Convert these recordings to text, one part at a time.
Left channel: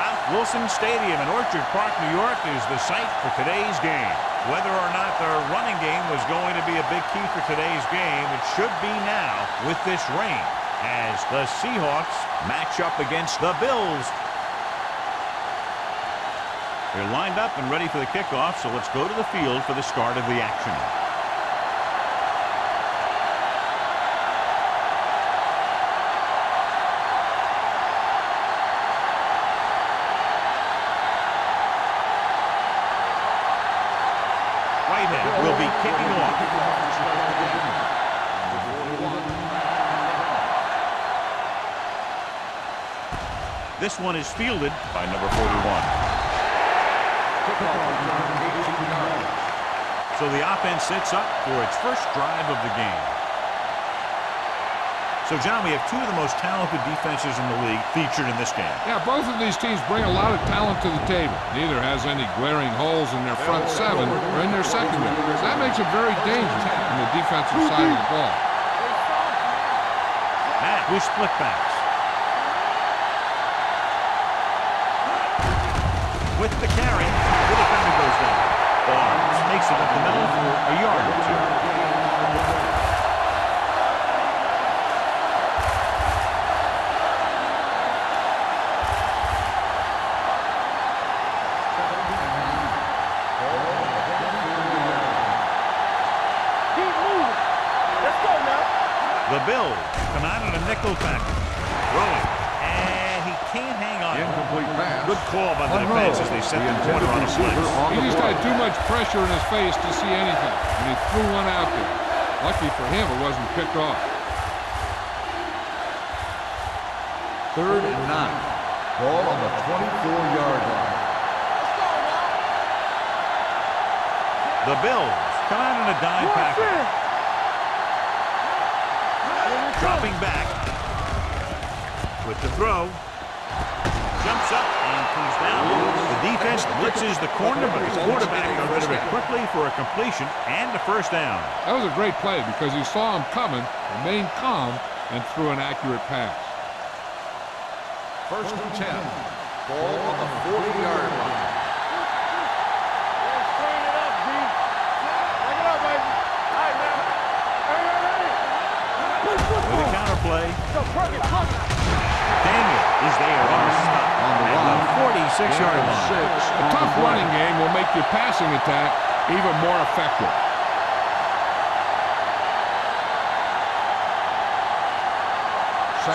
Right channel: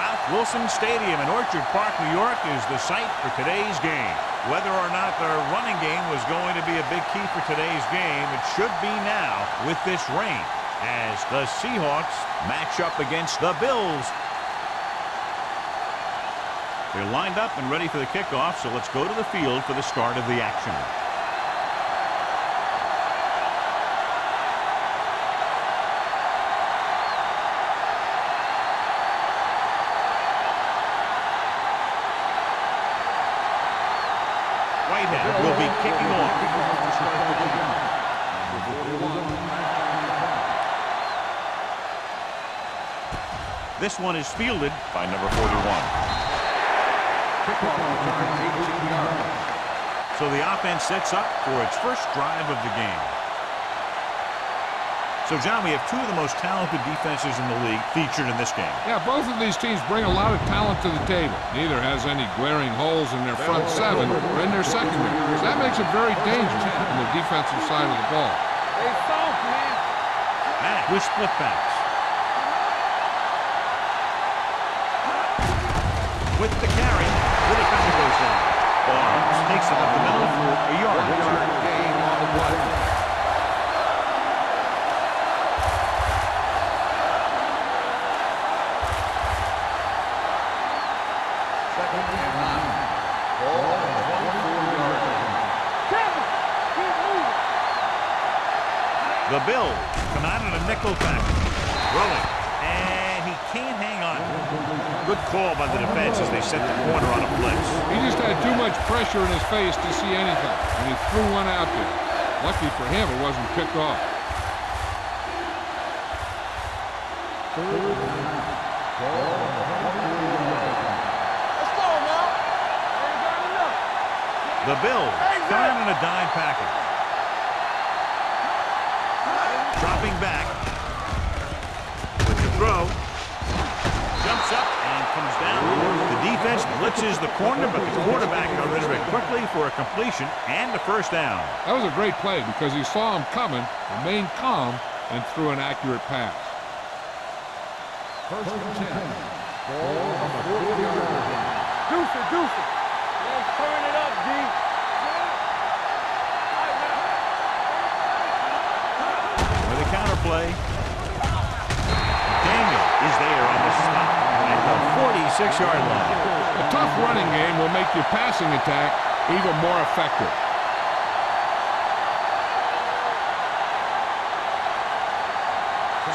Ralph Wilson Stadium in Orchard Park, New York is the site for today's game. Whether or not the running game was going to be a big key for today's game, it should be now with this rain as the Seahawks match up against the Bills. They're lined up and ready for the kickoff, so let's go to the field for the start of the action. Whitehead will be kicking off. To start the game. Number 41. This one is fielded by number 41. Kickoff return 18 yards. So the offense sets up for its first drive of the game. So, John, we have two of the most talented defenses in the league featured in this game. Yeah, both of these teams bring a lot of talent to the table. Neither has any glaring holes in their front seven or in their secondary. So that makes it very dangerous on the defensive side of the ball. Hey, soft, man. Matt with split backs. With the carry, the defender goes down. Barnes takes it up the middle for a yard or two. Game on the play. The Bills come out in a nickel package. Throwing. And he can't hang on. Good call by the defense as they set the corner on a blitz. He just had too much pressure in his face to see anything, and he threw one out there. Lucky for him, it wasn't picked off. 3rd and 9. Ball on the 24-yard line. Let's go now. The Bills come out in a dime package. Dropping back with the throw. Jumps up and comes down. The defense blitzes the corner, but the quarterback got rid of it quickly for a completion and a first down. That was a great play because he saw him coming, remained calm, and threw an accurate pass. 1st and 10. Ball on the 40-yard line. Deuce it. Let's turn it up, D. All right, man. With a counterplay. Daniel is there on the stop at the 46-yard line. A tough running game will make your passing attack even more effective.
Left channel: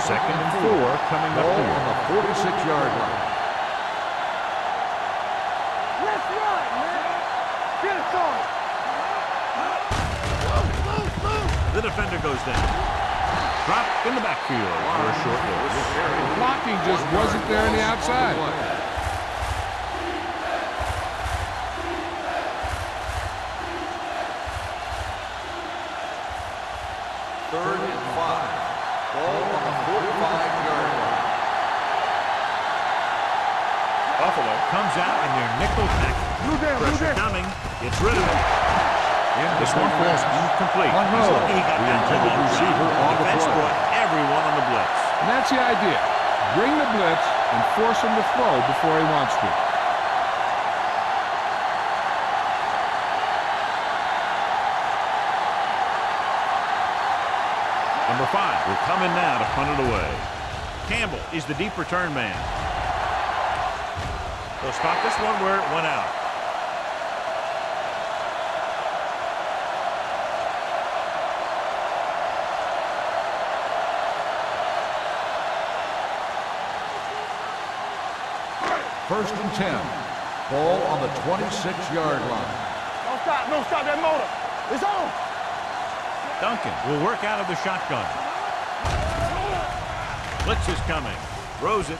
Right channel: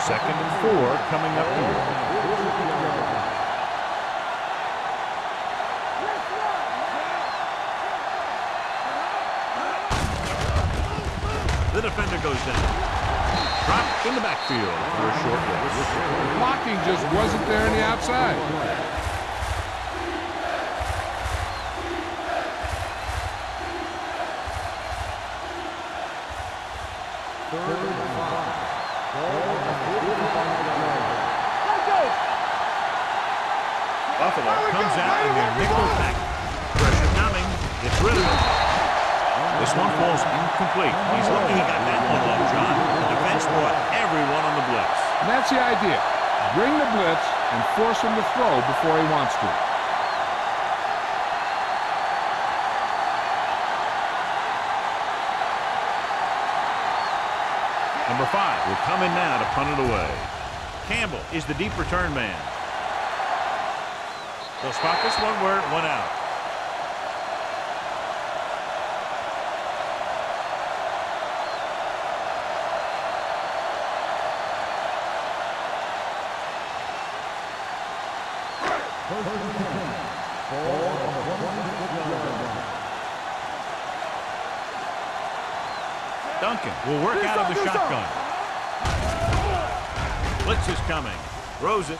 Second and 4 coming up here. 46-yard line. Let's run, man. Get The defender goes down. Dropped in the backfield for a short loss. The blocking just wasn't there on the outside. 3rd and 5. Ball on the 45-yard line. Buffalo comes out in their nickel package. Pressure coming. Gets rid of it. This one falls incomplete. He's lucky he got that one off, John. The defense brought everyone on the blitz. And that's the idea. Bring the blitz and force him to throw before he wants to. Number 5 will come in now to punt it away. Campbell is the deep return man. They'll spot this one where it went out. First and 10. Ball on the 26-yard line. Don't stop that motor. It's on. Duncan will work out of the shotgun. Blitz is coming. Throws it.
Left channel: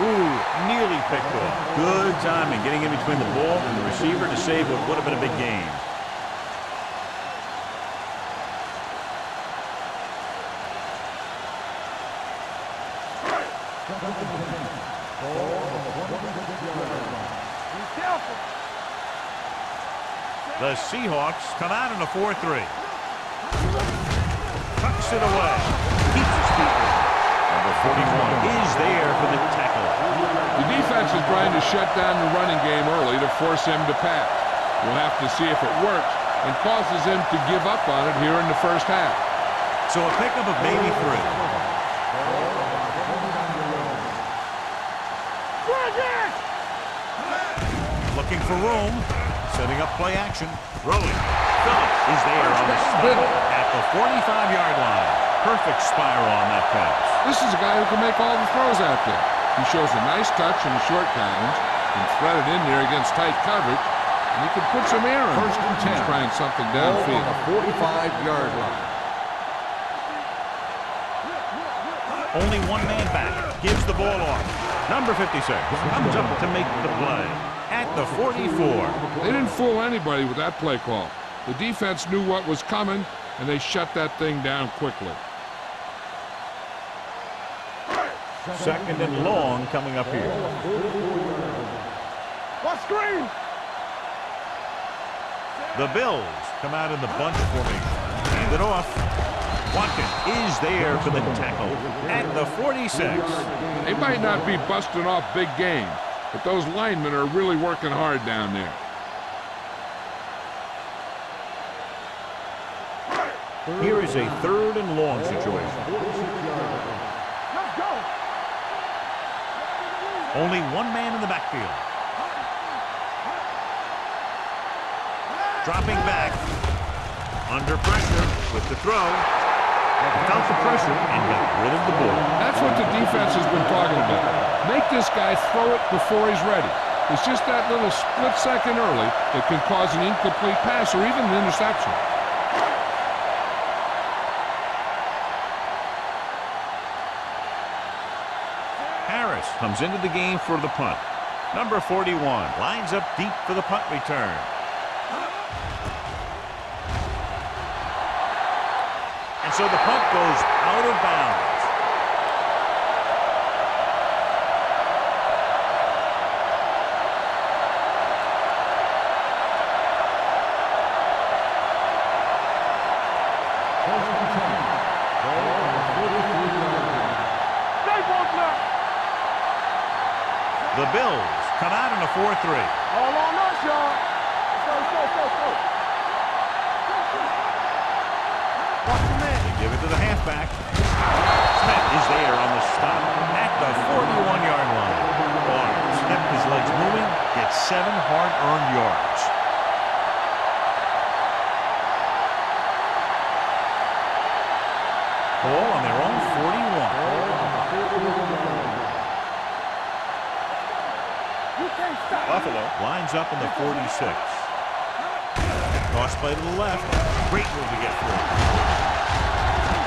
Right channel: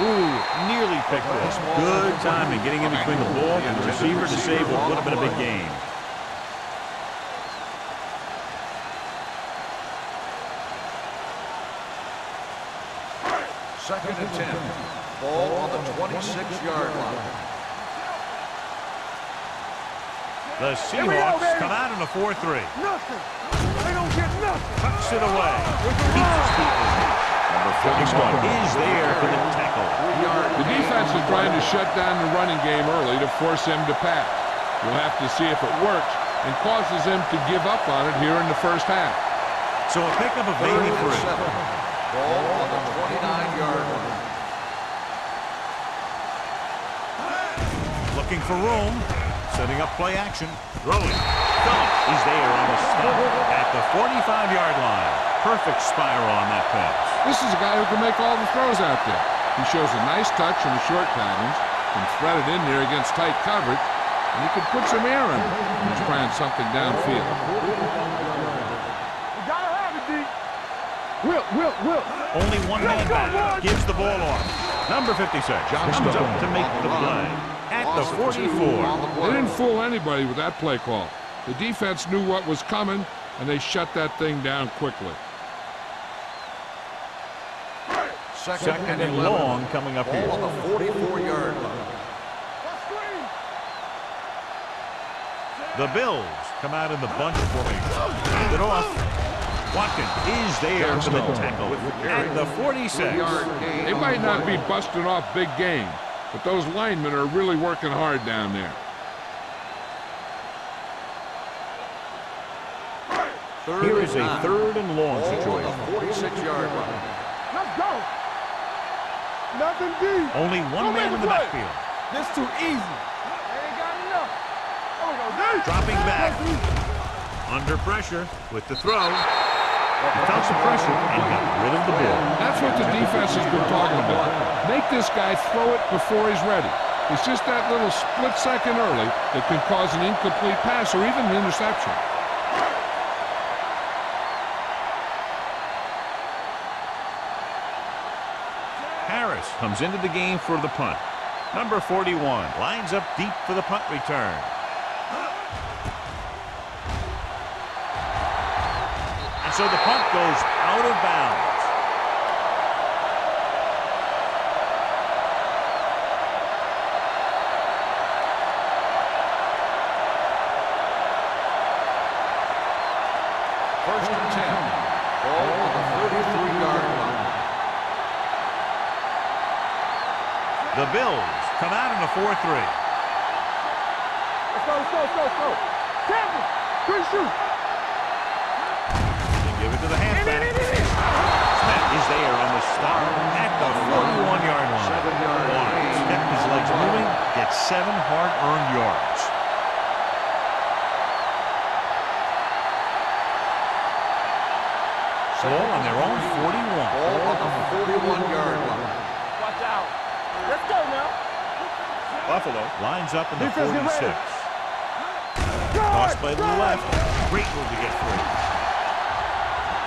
Ooh, nearly picked off. Good timing getting in between the ball and the receiver to save what would have been a big game. Second and 10. Ball on the 26-yard line. Be careful. The Seahawks come out in a 4-3. Tucks it away. Keeps his feet moving. Number 41 is there for the tackle. The defense is trying to shut down the running game early to force him to pass. We'll have to see if it works and causes him to give up on it here in the first half. So a pickup of maybe 3. Ball on the 29-yard line. Looking for room. Setting up play action. Throwing. Phillips is there on the stop at the 45-yard line. Perfect spiral on that pass. This is a guy who can make all the throws out there. He shows a nice touch in the short patterns, can thread it in there against tight coverage, and he can put some air in it. He's trying something downfield. 45-yard line. Only one man back. Gives the ball off. Number 56 comes up to make the play at the 44. They didn't fool anybody with that play call. The defense knew what was coming, and they shut that thing down quickly. Second and long coming up here. 44-yard line. What screen? The Bills come out in the bunch formation. Hand it off. Watkins is there for the tackle at the 46. They might not be busting off big games, but those linemen are really working hard down there. Here is a third and long situation. 46-yard line. Let's go. Nothing deep. Only one man in the backfield. This too easy. Dropping back. Under pressure with the throw. He felt the pressure and got rid of the ball. That's what the defense has been talking about. Make this guy throw it before he's ready. It's just that little split second early that can cause an incomplete pass or even an interception. Harris comes into the game for the punt. Number 41 lines up deep for the punt return. And so the punt goes out of bounds. First and 10. Ball on the 43-yard line. The Bills come out in a 4-3. All on us, y'all. Let's go, let's go, let's go, let's go. Tackle. Quick shoot. They give it to the halfback. Smith is there on the stop at the 41-yard line. Barnes kept his legs moving, gets 7 hard-earned yards. Ball on their own 41. Ball on the 41-yard line. Watch out. Let's go now. You can't stop. Buffalo lines up in the 46. Toss play to the left. Great move to get through.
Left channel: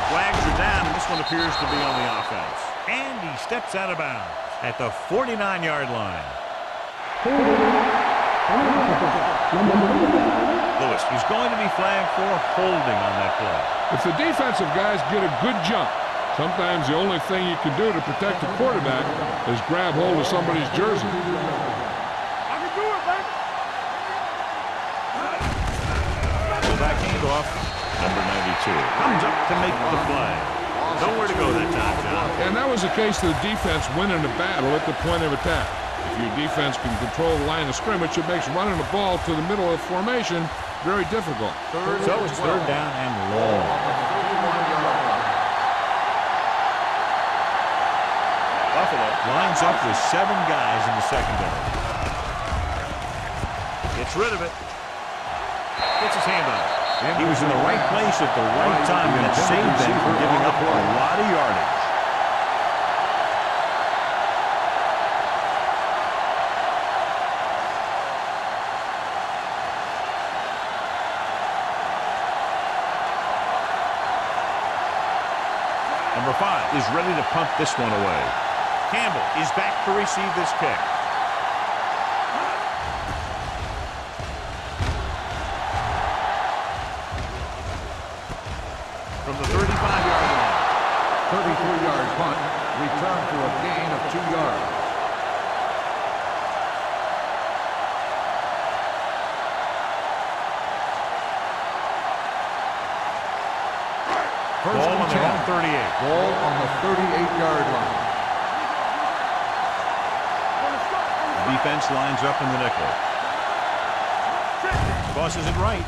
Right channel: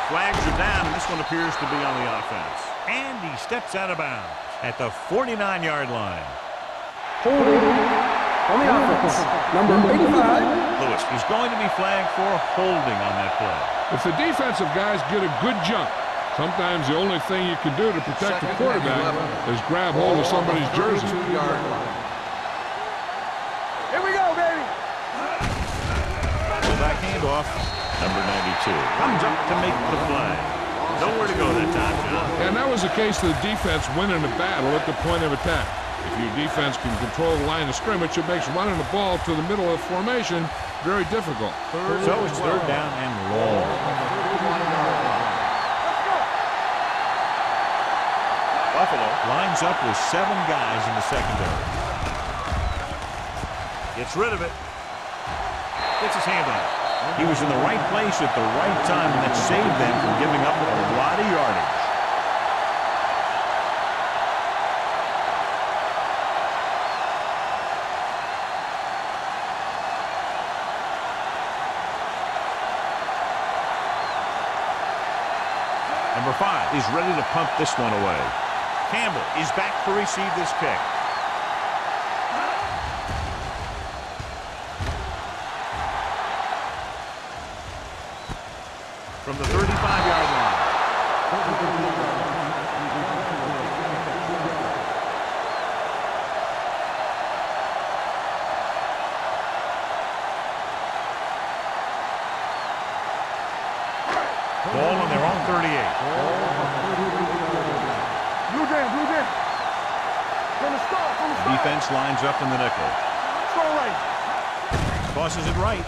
Flags are down, and this one appears to be on the offense. And he steps out of bounds at the 49-yard line. On the offense, number 85. Lewis, he's going to be flagged for holding on that play. If the defensive guys get a good jump, sometimes the only thing you can do to protect the quarterback is grab hold of somebody's jersey. 2-yard line. Here we go, baby. Pull back handoff. Number 92 comes up to make the play. Nowhere to go that time, John. And that was the case of the defense winning the battle at the point of attack. If your defense can control the line of scrimmage, it makes running the ball to the middle of the formation very difficult. So it's third down and long. On the 31-yard line. Buffalo lines up with 7 guys in the secondary. Gets rid of it. Gets his hand on it. He was in the right place at the right time, and that saved them from giving up a lot of yardage. Number 5 is ready to punt this one away. Campbell is back to receive this kick. From the 35-yard line. 33-yard punt. Return to a gain of 2 yards. Ball on their own 38. Ball on the 38-yard line. Blue jam, blue jam. From the start, from the The start. defense lines up in the nickel. Tosses it right.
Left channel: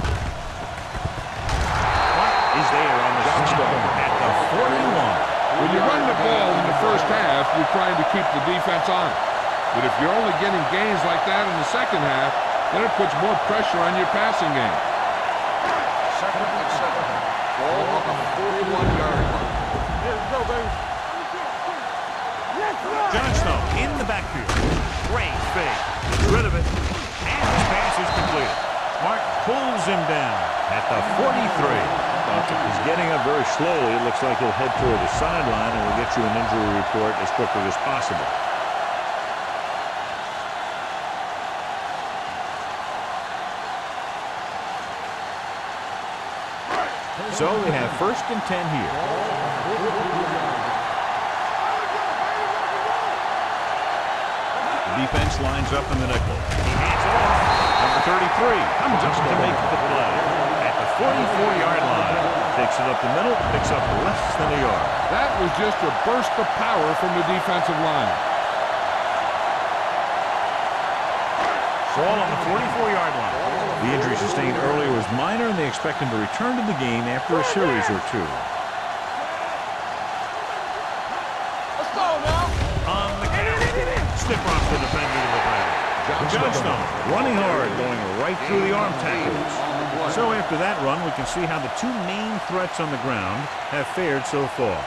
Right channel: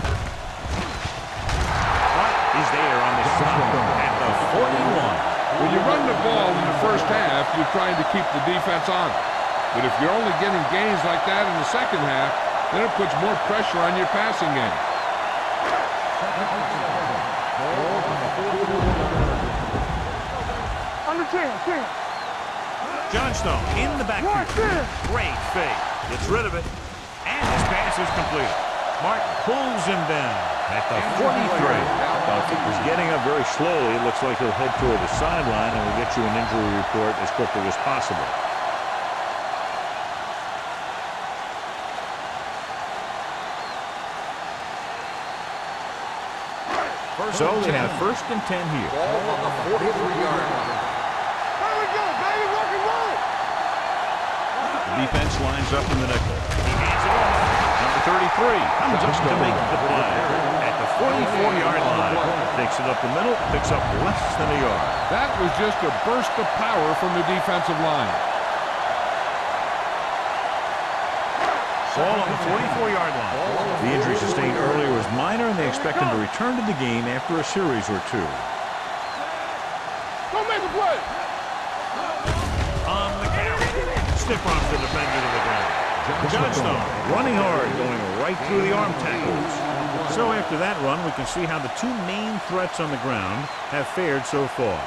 Clark is there on the stop at the 41. When you run the ball in the first half, you're trying to keep the defense on it. But if you're only getting gains like that in the second half, then it puts more pressure on your passing game. Second and 7. Ball on the 41-yard line. There we go, baby. On the team. Johnstone in the backfield. Great fake. Gets rid of it. And his pass is completed. Martin pulls him down at the 43. He's getting up very slowly. It looks like he'll head toward the sideline, and we'll get you an injury report as quickly as possible. So they have 1st and 10 here. Ball on the 43-yard line. Here we go, baby. Rock and roll. The defense lines up in the nickel. He hands it off. Number 33 comes up to make the play at the 44-yard line. Takes it up the middle, picks up less than a yard. That was just a burst of power from the defensive line. Ball on the 44-yard line. The injury sustained earlier was minor, and they expect him to return to the game after a series or two. Go make a play. Let's go now. On the carry, stiff arms the defender to the ground. Johnstone running hard, going right through the arm tackles. So after that run, we can see how the two main threats on the ground have fared so far.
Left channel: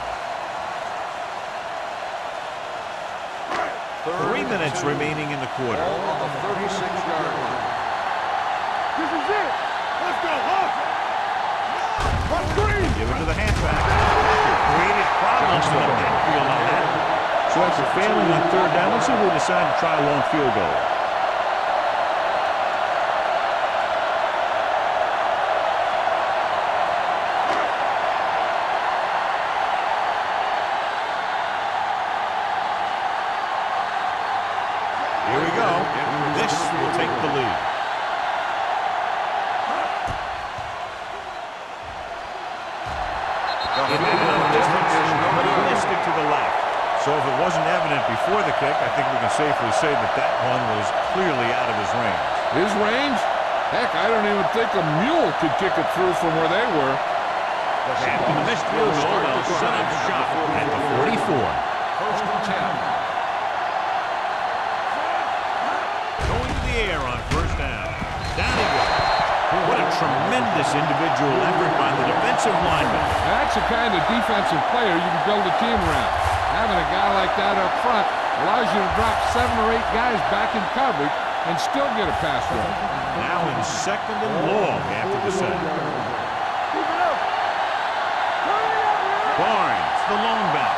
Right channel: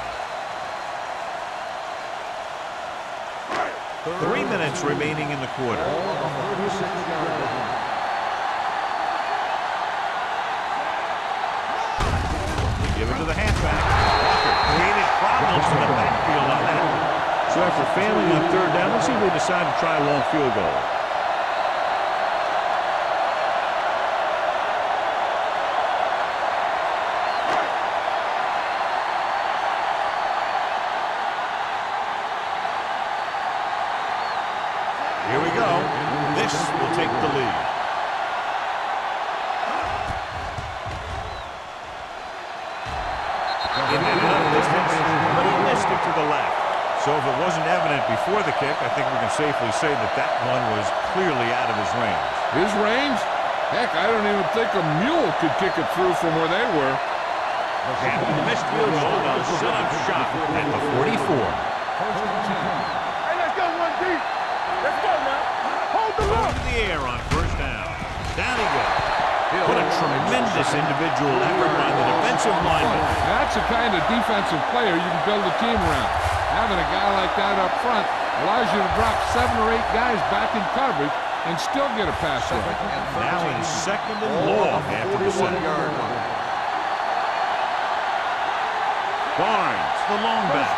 3 minutes remaining in the quarter. Ball on the 36-yard line. This is it. Let's go. They give it to the halfback. Walker created problems in the backfield on that. So after failing on 3rd down, let's see if they decide to try a long field goal. Here we go. This will take the lead. It had enough distance, but he missed it to the left. So if it wasn't evident before the kick, I think we can safely say that that one was clearly out of his range. His range? Heck, I don't even think a mule could kick it through from where they were. After the missed field goal, they'll set up shop at the 44. 1st and 10. Going to the air on 1st down. Down he goes. What a tremendous individual effort by the defensive lineman. That's the kind of defensive player you can build a team around. Having a guy like that up front allows you to drop 7 or 8 guys back in coverage and still get a pass rush. Now in 2nd and long after the set. Barnes, the lone back.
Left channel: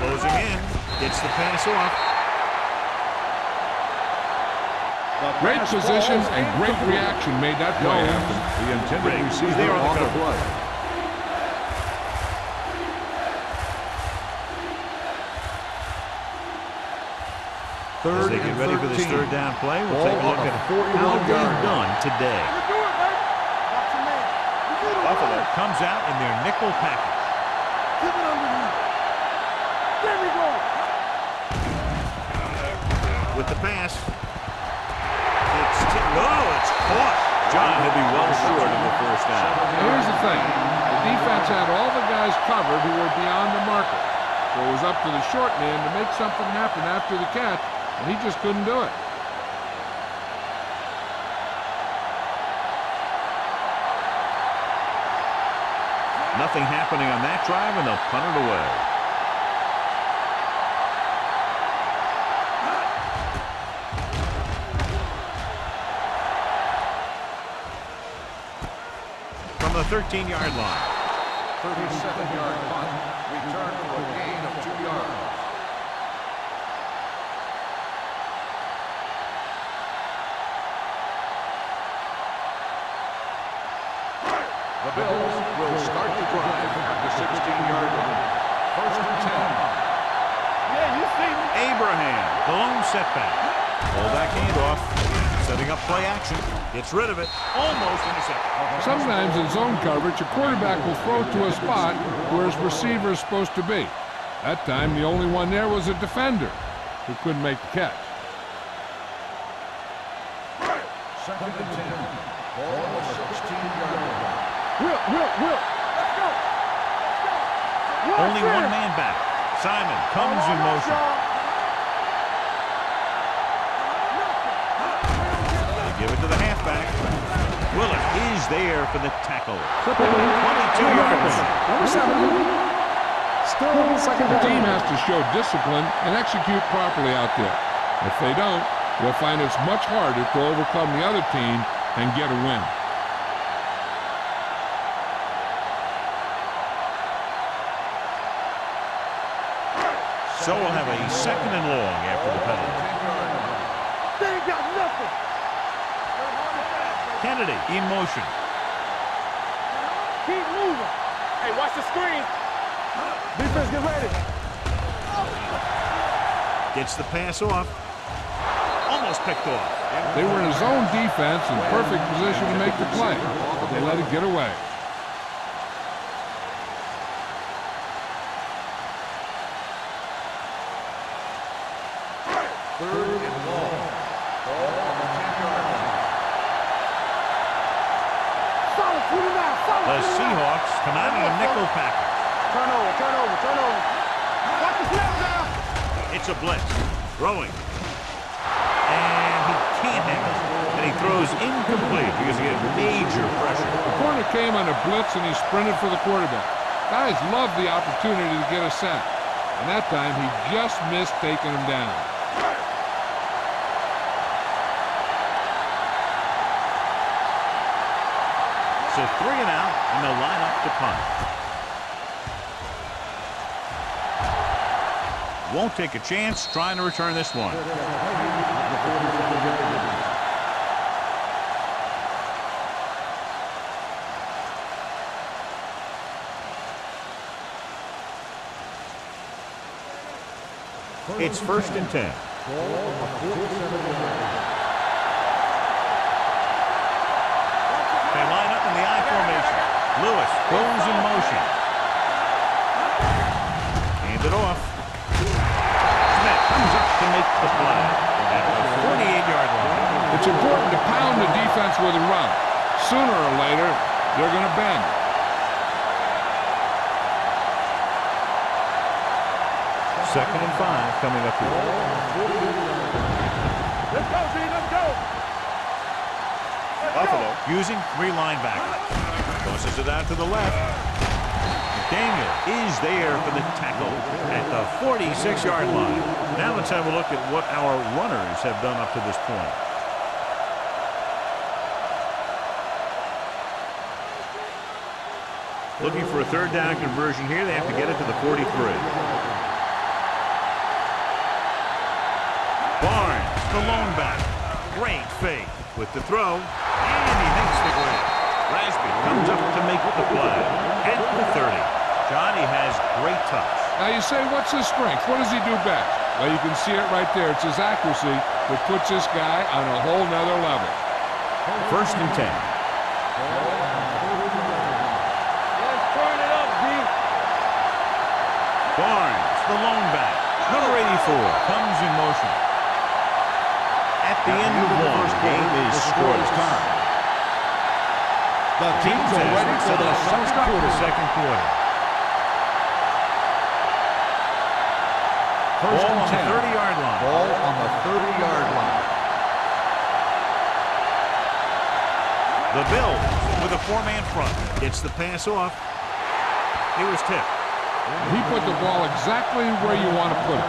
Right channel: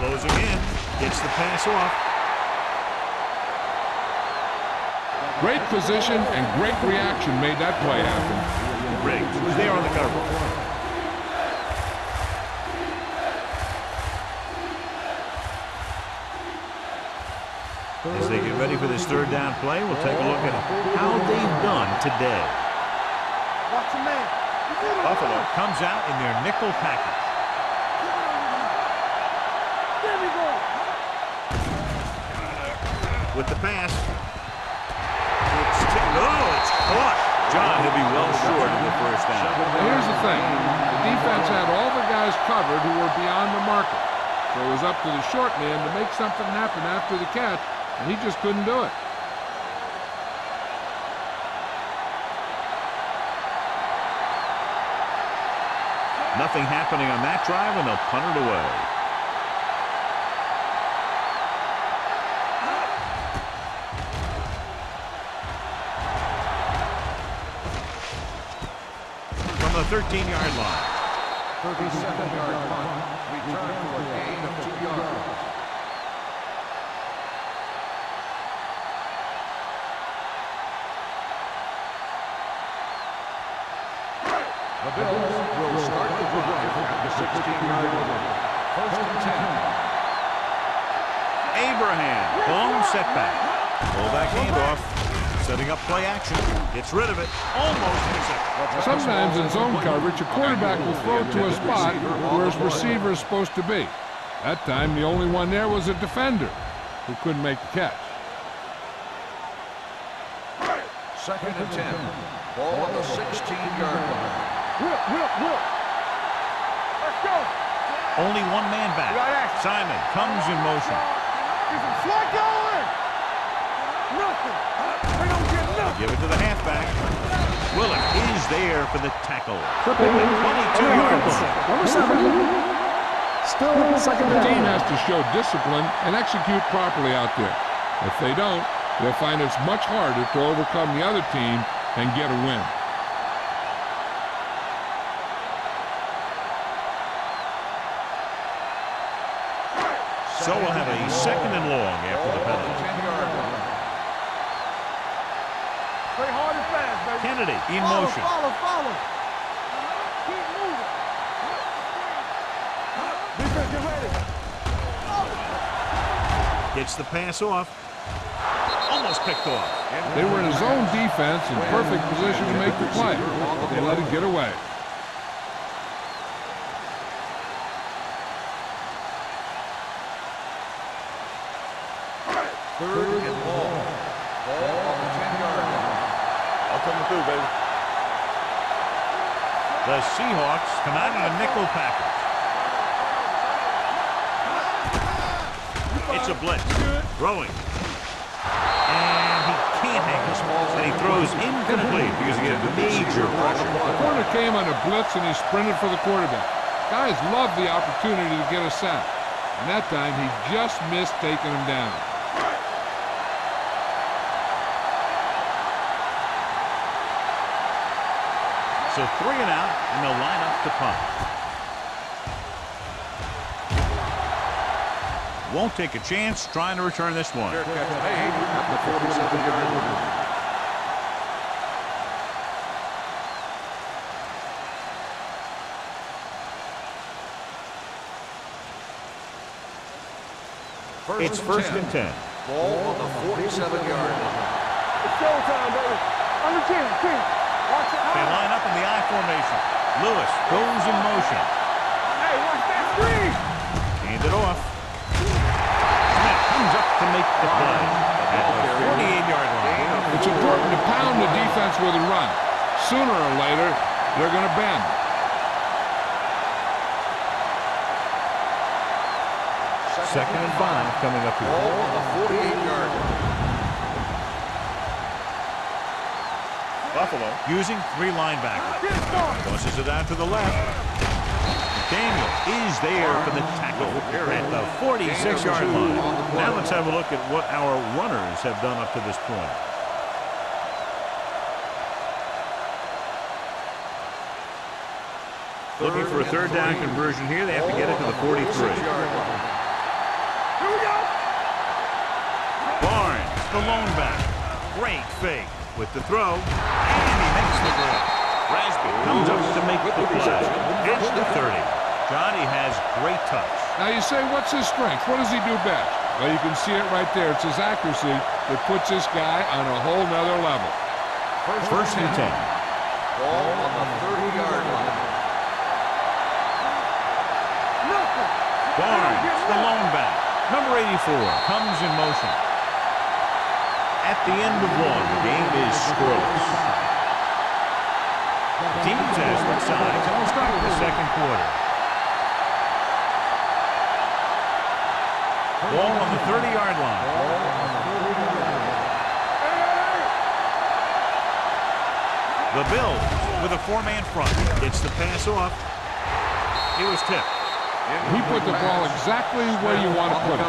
Closing in, gets the pass off. Great position and great reaction made that play happen. Riggs, who's there on the cover. As they get ready for this 3rd down play, we'll take a look at how they've done today. Watch your man. Buffalo comes out in their nickel package. Keep it underneath. There we go. With the pass. It's caught. John, he'll be well short of the 1st down. Now here's the thing. The defense had all the guys covered who were beyond the marker. So it was up to the short man to make something happen after the catch, and he just couldn't do it. Nothing happening on that drive, and they'll punt it away. From the 13-yard line. 37-yard punt, return for a gain of 2 yards. The Bills will start the drive at the 16-yard line. 1st and 10. Abraham, the lone setback. Fullback handoff. Setting Setting up play action. Gets rid of it. Almost intercepted. Sometimes in zone coverage, a quarterback will throw to a spot where his receiver is supposed to be. That time, the only one there was a defender who couldn't make the catch. 2nd and 10. Ball on the 16-yard line. Will. Let's go. Only one man back. Simon comes in motion. They give it to the halfback. Willett is there for the tackle. At the 22-yard line. Number 7. Still second The down. team has to show discipline and execute properly out there. If they don't, they'll find it's much harder to overcome the other team and get a win. So we'll have a 2nd and long after the penalty. 10-yard line. They ain't got nothing. Play hard and fast, baby. Kennedy in motion. Follow. Keep moving. Hey, watch the screen. Defense, get ready. Gets the pass off. Almost picked off. They were in a zone defense in perfect position to make the play, but they let it get away. Third and long. Ball on the 10-yard line. I'm coming through, baby. The Seahawks come out in a nickel package. Turn over. It's a blitz. Throwing. And he can't hang us. And he throws incomplete because he had major pressure. The corner came on a blitz and he sprinted for the quarterback. Guys love the opportunity to get a sack. And that time he just missed taking him down. So 3 and out, and they'll line up to punt. Won't take a chance trying to return this one. It's 1st and 10. Ball on the 47-yard line. They line up in the I formation. Lewis goes in motion. Hand it off. Smith comes up to make the play at the 48-yard line. It's important to pound the defense with a run. Sooner or later, they're going to bend. Second and 5 coming up here. Buffalo using 3 linebackers. Tosses it out to the left. McDaniel is there for the tackle at the 46-yard line. Now let's have a look at what our runners have done up to this point. Looking for a 3rd down conversion here. They have to get it to the 43. Barnes, the lone back. Great fake with the throw. And he makes the grab. Rasby comes up to make the play at the 30. Johnny has great touch. Now you say, what's his strength? What does he do best? Well, you can see it right there. It's his accuracy that puts this guy on a whole nother level. 1st and 10. Ball on the 30-yard line. Barnes, the lone back. Number 84 comes in motion. At the end of 1, the game is scoreless. Teams have switched sides, and we'll start with the 2nd quarter. Ball on the 30-yard line. Ball on the 30-yard line. The Bills with a 4-man front. Gets the pass off. He was tipped. He put the ball exactly where you want to put it.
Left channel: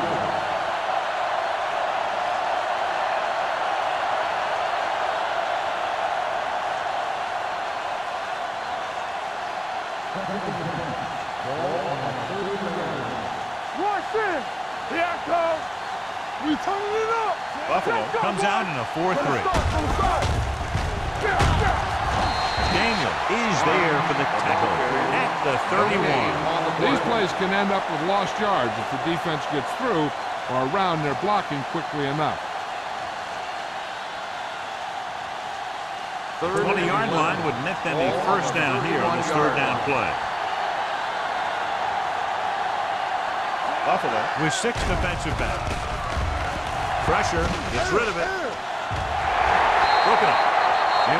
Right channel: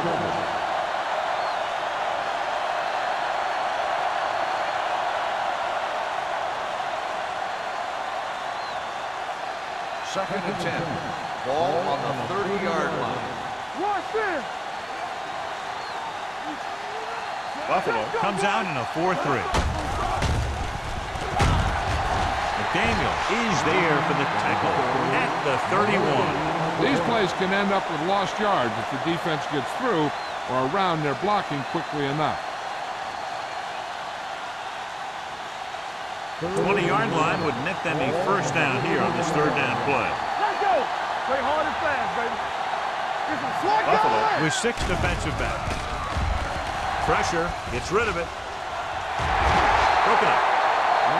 Second and 10. Ball on the 30-yard line. Rush in. Here I come. We turning it up. Buffalo comes out in a 4-3. McDaniel is there for the tackle at the 31. These plays can end up with lost yards if the defense gets through or around their blocking quickly enough. 20-yard line would net them a first down here on this third down play. Buffalo With 6 defensive backs. Pressure, gets rid of it. Broken up.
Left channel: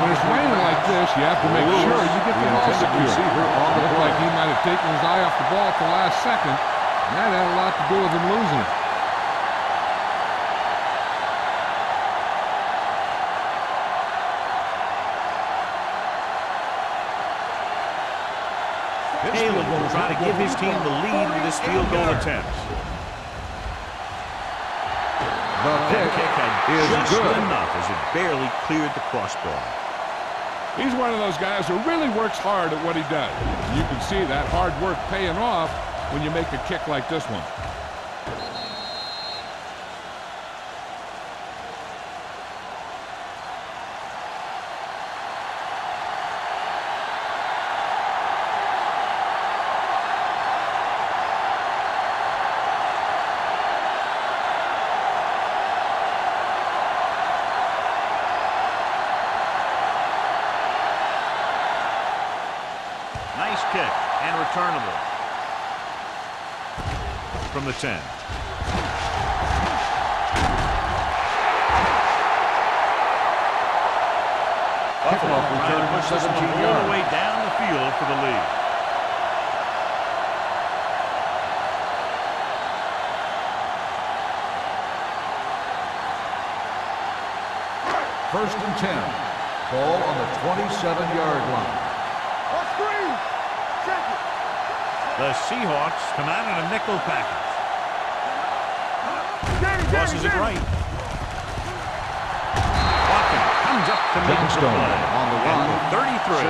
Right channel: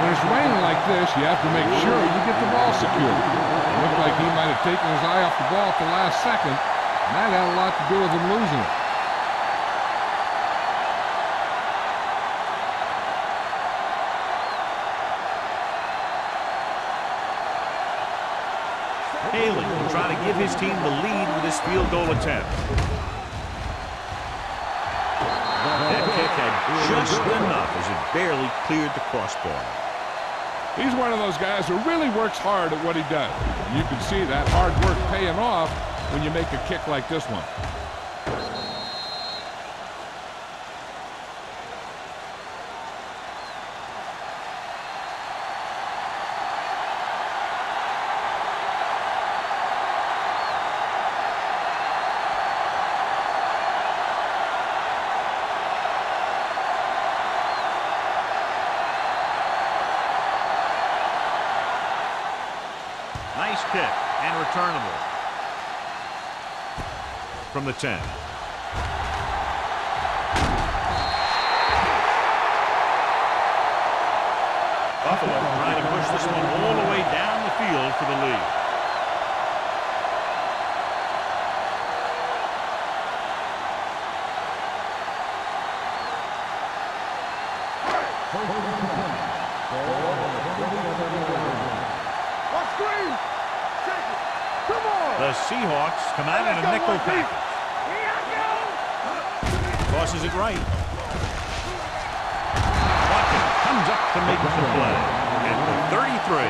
When it's raining like this, you have to make sure you get the ball secure. It looked like he might have taken his eye off the ball at the last second, and that had a lot to do with him losing it. Haley will try to give his team the lead with his field goal attempt. That kick had just enough as it barely cleared the crossbar. He's one of those guys who really works hard at what he does. And you can see that hard work paying off when you make a kick like this one. Nice kick and returnable from the 10. Buffalo trying to push this one all the way down the field for the lead. First and 10. Ball on the 27-yard line. One screen. Check it. Come on. The Seahawks come out in a nickel package. Tosses it right. Watkins comes up to make the play. At the 33,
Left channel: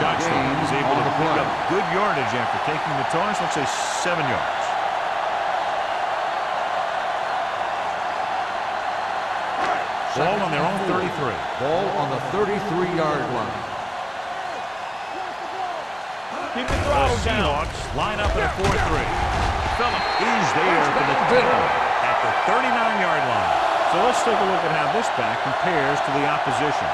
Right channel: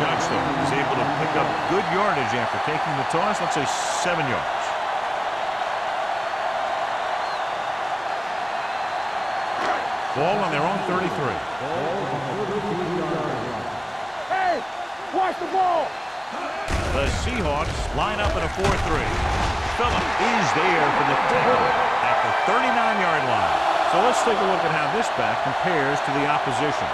Johnstone is able to pick up good yardage after taking the toss. Let's say 7 yards. Ball on their own 33. Ball on the 33-yard line. The Seahawks line up in a 4-3. Phillip is there for the tackle at the 39-yard line. So let's take a look at how this back compares to the opposition.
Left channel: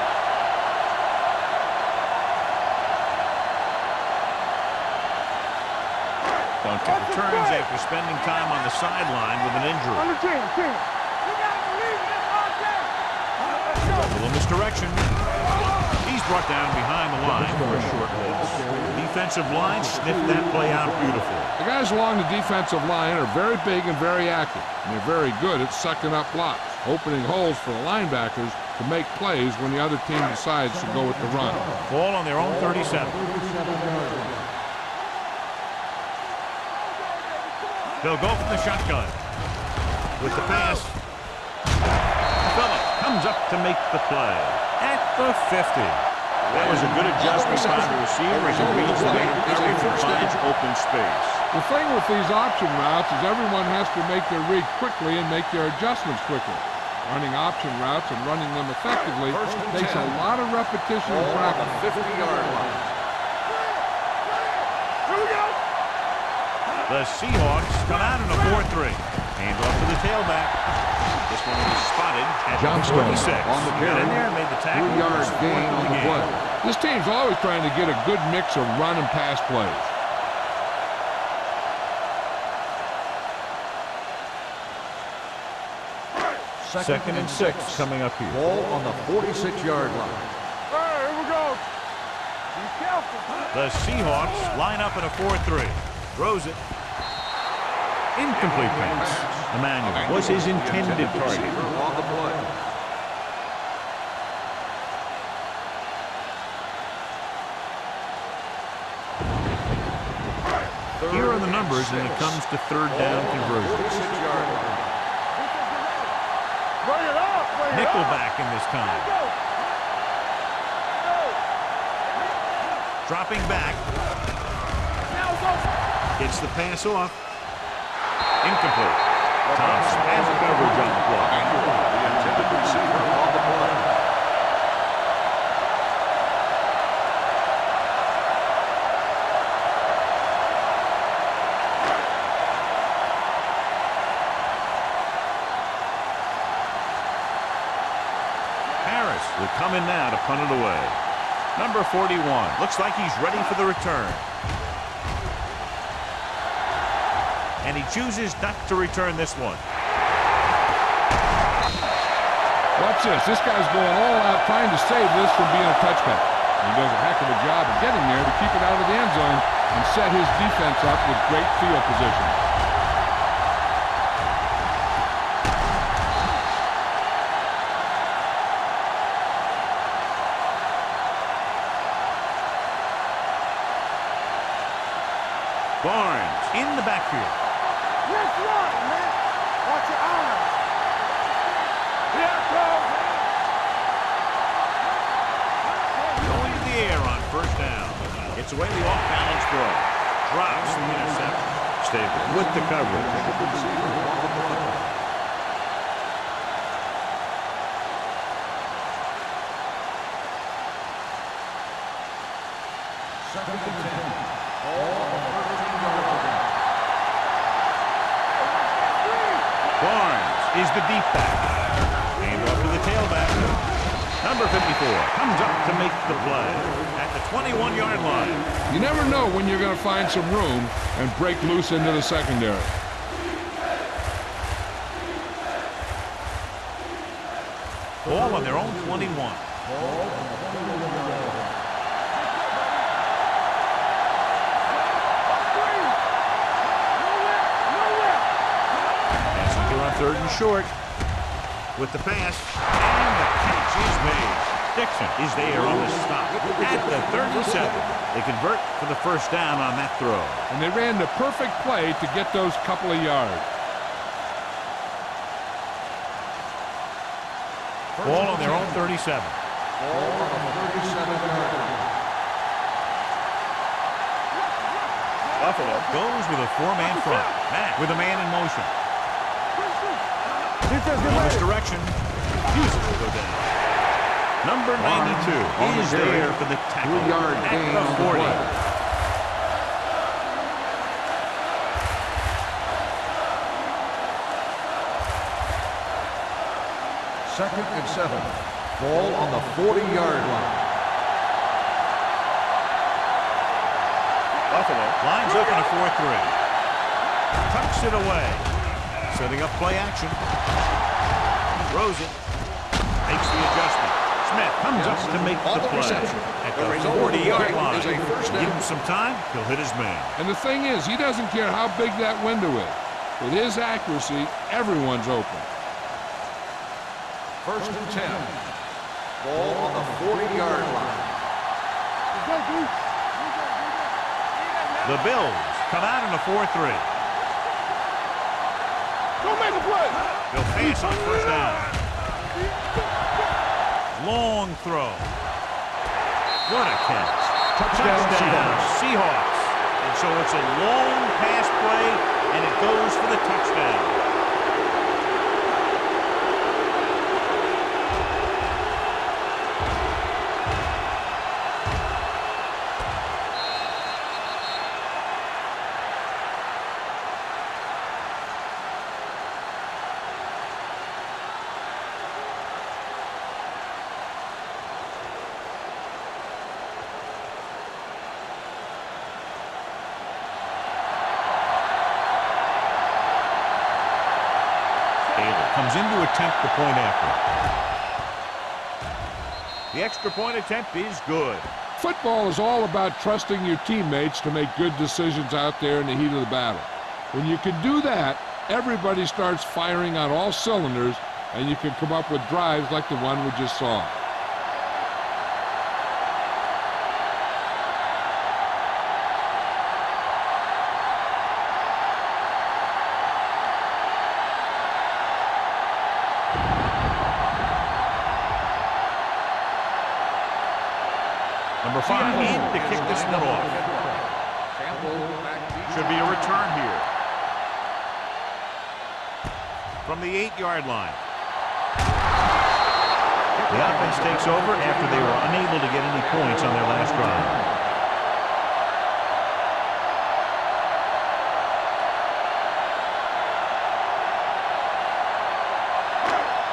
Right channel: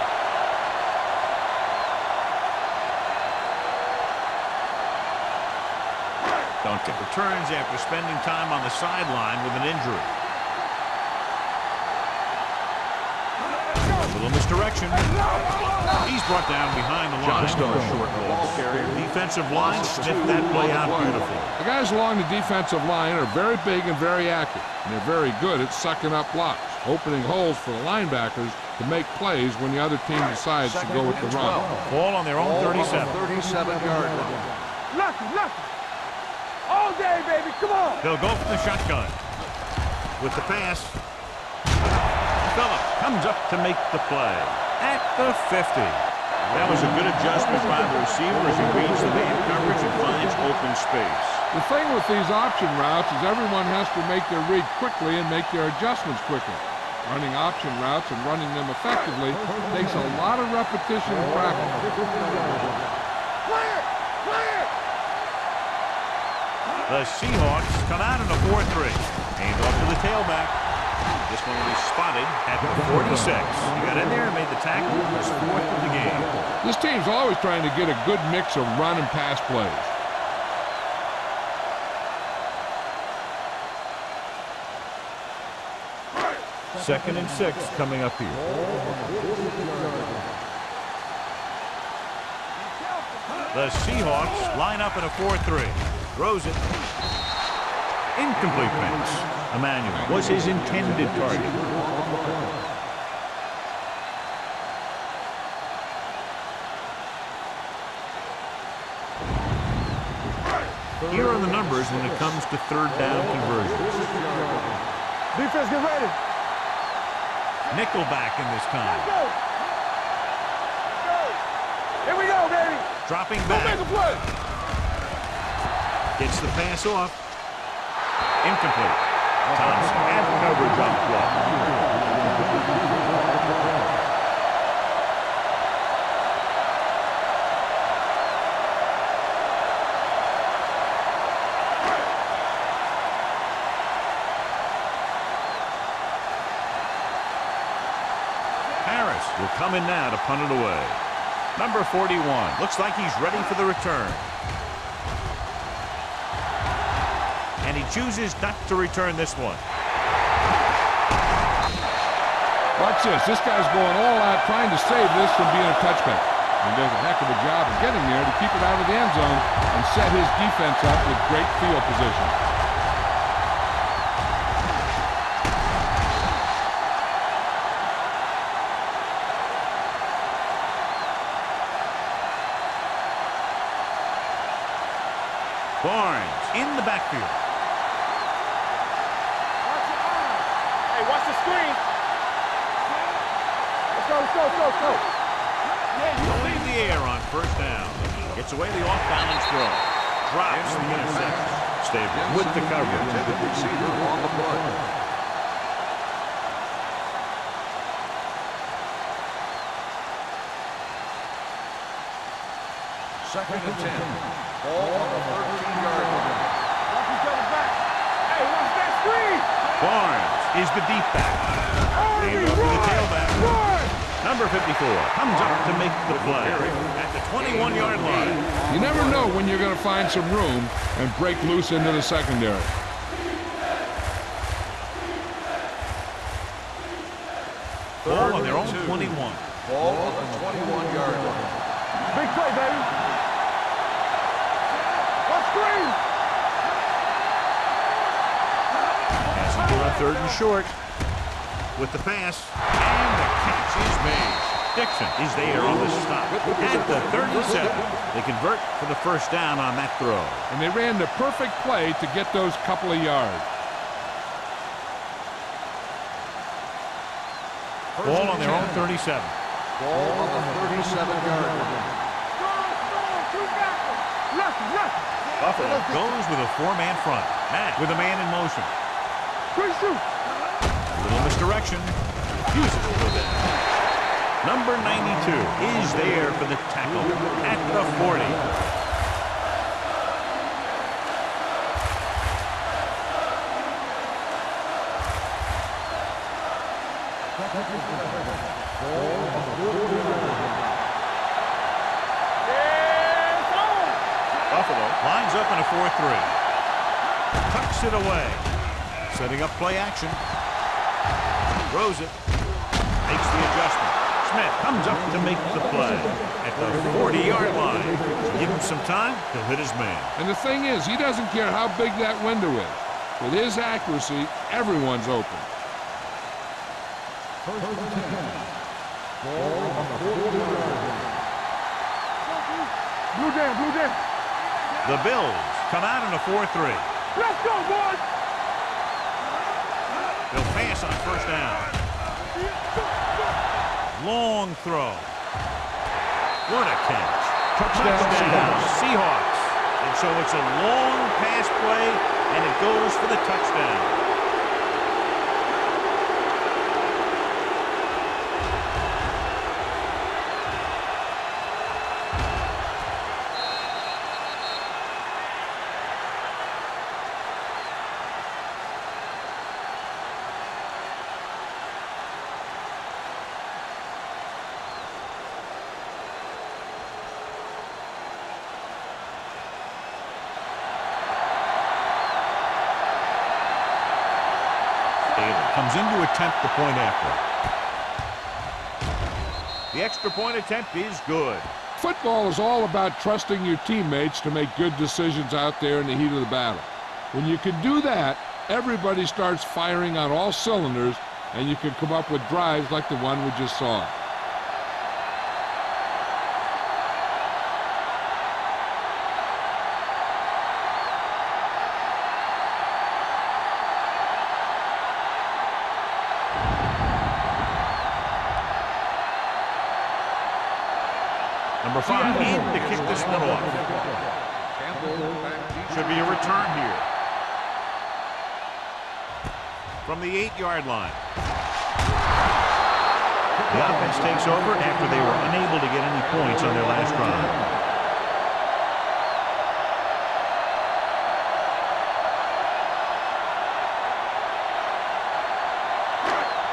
Duncan returns after spending time on the sideline with an injury. A little misdirection. He's brought down behind the line for a short loss. Defensive line sniffed that play out beautifully. The guys along the defensive line are very big and very active, and they're very good at sucking up blocks, opening holes for the linebackers to make plays when the other team decides to go with the run. Ball on their own 37. 37-yard line. They'll go from the shotgun. With the pass, Phillip comes up to make the play at the 50. That was a good adjustment by the receiver as he reads the man coverage and finds open space. The thing with these option routes is everyone has to make their read quickly and make their adjustments quickly. Running option routes and running them effectively takes a lot of repetition and practice. 50-yard line. The Seahawks come out in a 4-3. Hand off to the tailback. This one will be spotted at the 46. He got in there and made the tackle. His 4th of the game. This team's always trying to get a good mix of run and pass plays. Second and 6 coming up here. Ball on the 46-yard line. The Seahawks line up in a 4-3. Throws it. Incomplete pass. Emmanuel was his intended target. Here are the numbers when it comes to third down conversions. Nickelback in this time. Dropping back. Gets the pass off. Incomplete. Thompson has coverage on the block. Harris will come in now to punt it away. Number 41. Looks like he's ready for the return. And he chooses not to return this one. Watch this. This guy's going all out trying to save this from being a touchback. He does a heck of a job of getting there to keep it out of the end zone and set his defense up with great field position. Barnes in the backfield. Watch your eyes. Hey, watch the screen. Here it goes, man. Let's go. Going to the air on first down. Gets away the off-balance throw. Drops the interception. Stay with the coverage. Intended receiver on the play. Second and 10. Ball on the 13-yard line. Hey, watch that screen. Barnes is the deep back. Hand off to the tailback. Number 54 comes up to make the play at the 21-yard line. You never know when you're going to find some room and break loose into the secondary. Ball on their own 21. Ball on the 21-yard line. Big play, baby. Watch screen. Passenger on third and short. With the pass, and the catch is made. Dixon is there on the stop at the 37. They convert for the first down on that throw. And they ran the perfect play to get those couple of yards. Ball on their own 37. Ball on the 37-yard line. Buffalo goes with a four-man front. Matt with a man in motion. Little misdirection. Refuses to go down. Number 92 is there for the tackle at the 40. Second and 7. Ball on the 40-yard line. Buffalo lines up in a 4-3. Tucks it away. Setting up play action. Throws it. Makes the adjustment. Smith comes up to make the play at the 40-yard line. Give him some time, he'll hit his man. And the thing is, he doesn't care how big that window is. With his accuracy, everyone's open. First and 10. Ball on the 40-yard line. The Bills come out in a 4-3. Let's go, boys. Don't make a play. They'll pass on first down. Long throw. What a catch. Touchdown, Seahawks. And so it's a long pass play, and it goes for the touchdown. Taylor comes in to attempt the point after. The extra point attempt is good. Football is all about trusting your teammates to make good decisions out there in the heat of the battle. When you can do that, everybody starts firing on all cylinders, and you can come up with drives like the one we just saw. Number 5 in to kick this one off. Should be a return here. From the 8-yard line. The offense takes over after they were unable to get any points on their last drive.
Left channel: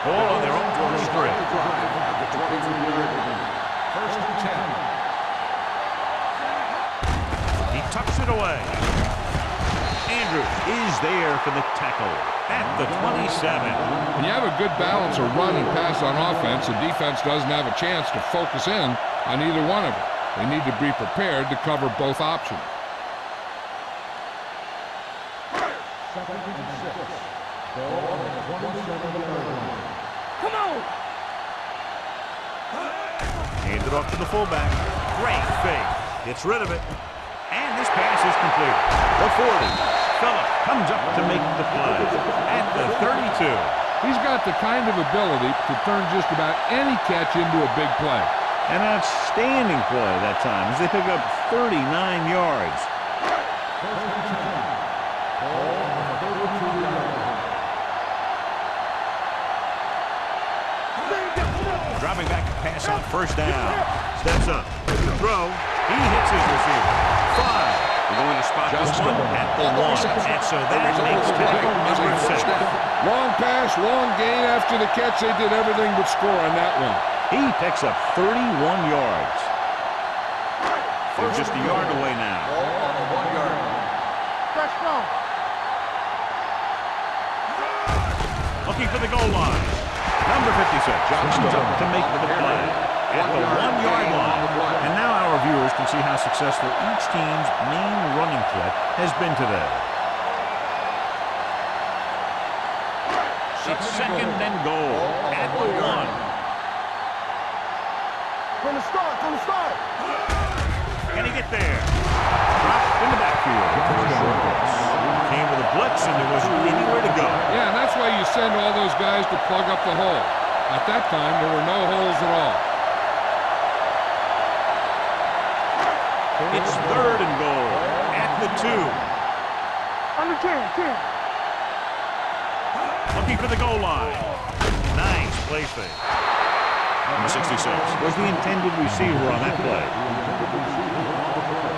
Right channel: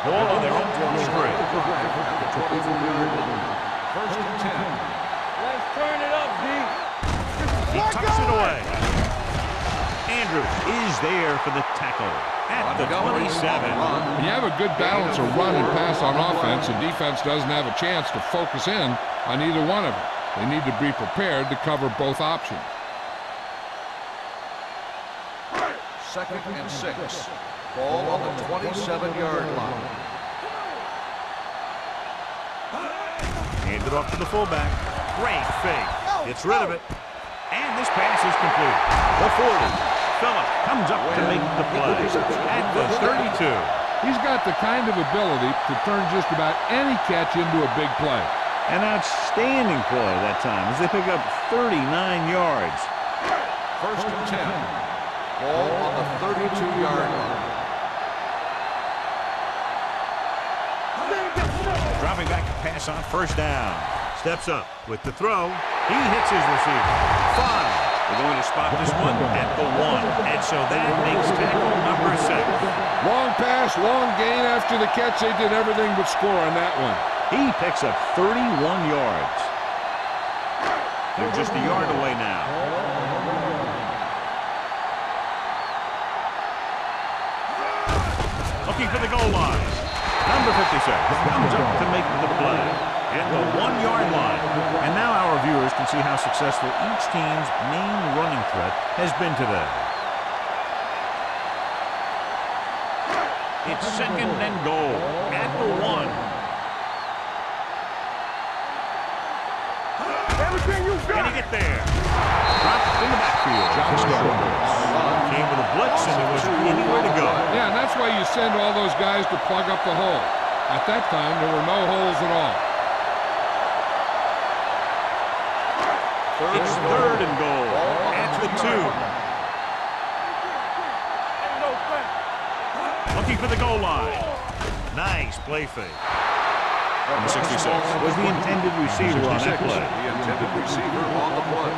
Ball on their own 23. At the 23-yard line. First and 10. He tucks it away. Andrews is there for the tackle at the 27. When you have a good balance of run and pass on offense, the defense doesn't have a chance to focus in on either one of them. They need to be prepared to cover both options. 2nd and 6. Ball on the 27-yard line. Come on. Hand it off to the fullback. Great fake. Gets rid of it. And this pass is completed. The 40. Phillip comes up to make the play at the 32. He's got the kind of ability to turn just about any catch into a big play. An outstanding play that time as they pick up 39 yards. 1st and 10. Ball on the 32-yard line. Dropping back to pass on 1st down. Steps up with the throw. He hits his receiver. 5. They're going to spot this one at the 1. And so that makes tackle number 6. Long pass, long gain after the catch. They did everything but score on that one. He picks up 31 yards. They're just a yard away now. Ball on the 1-yard line. Looking for the goal line. Number 56 comes up to make the play at the 1-yard line. And now our viewers can see how successful each team's main running threat has been today. It's 2nd and goal at the 1. From the start. Can he get there? Dropped in the backfield for a short loss. Came with a blitz and there wasn't anywhere to go. Yeah, and that's why you send all those guys to plug up the hole. At that time, there were no holes at all. It's 3rd and goal at the 2. Under 10. Looking for the goal line. Nice play fake. Number 66 was the intended receiver on that play. The intended receiver on the play.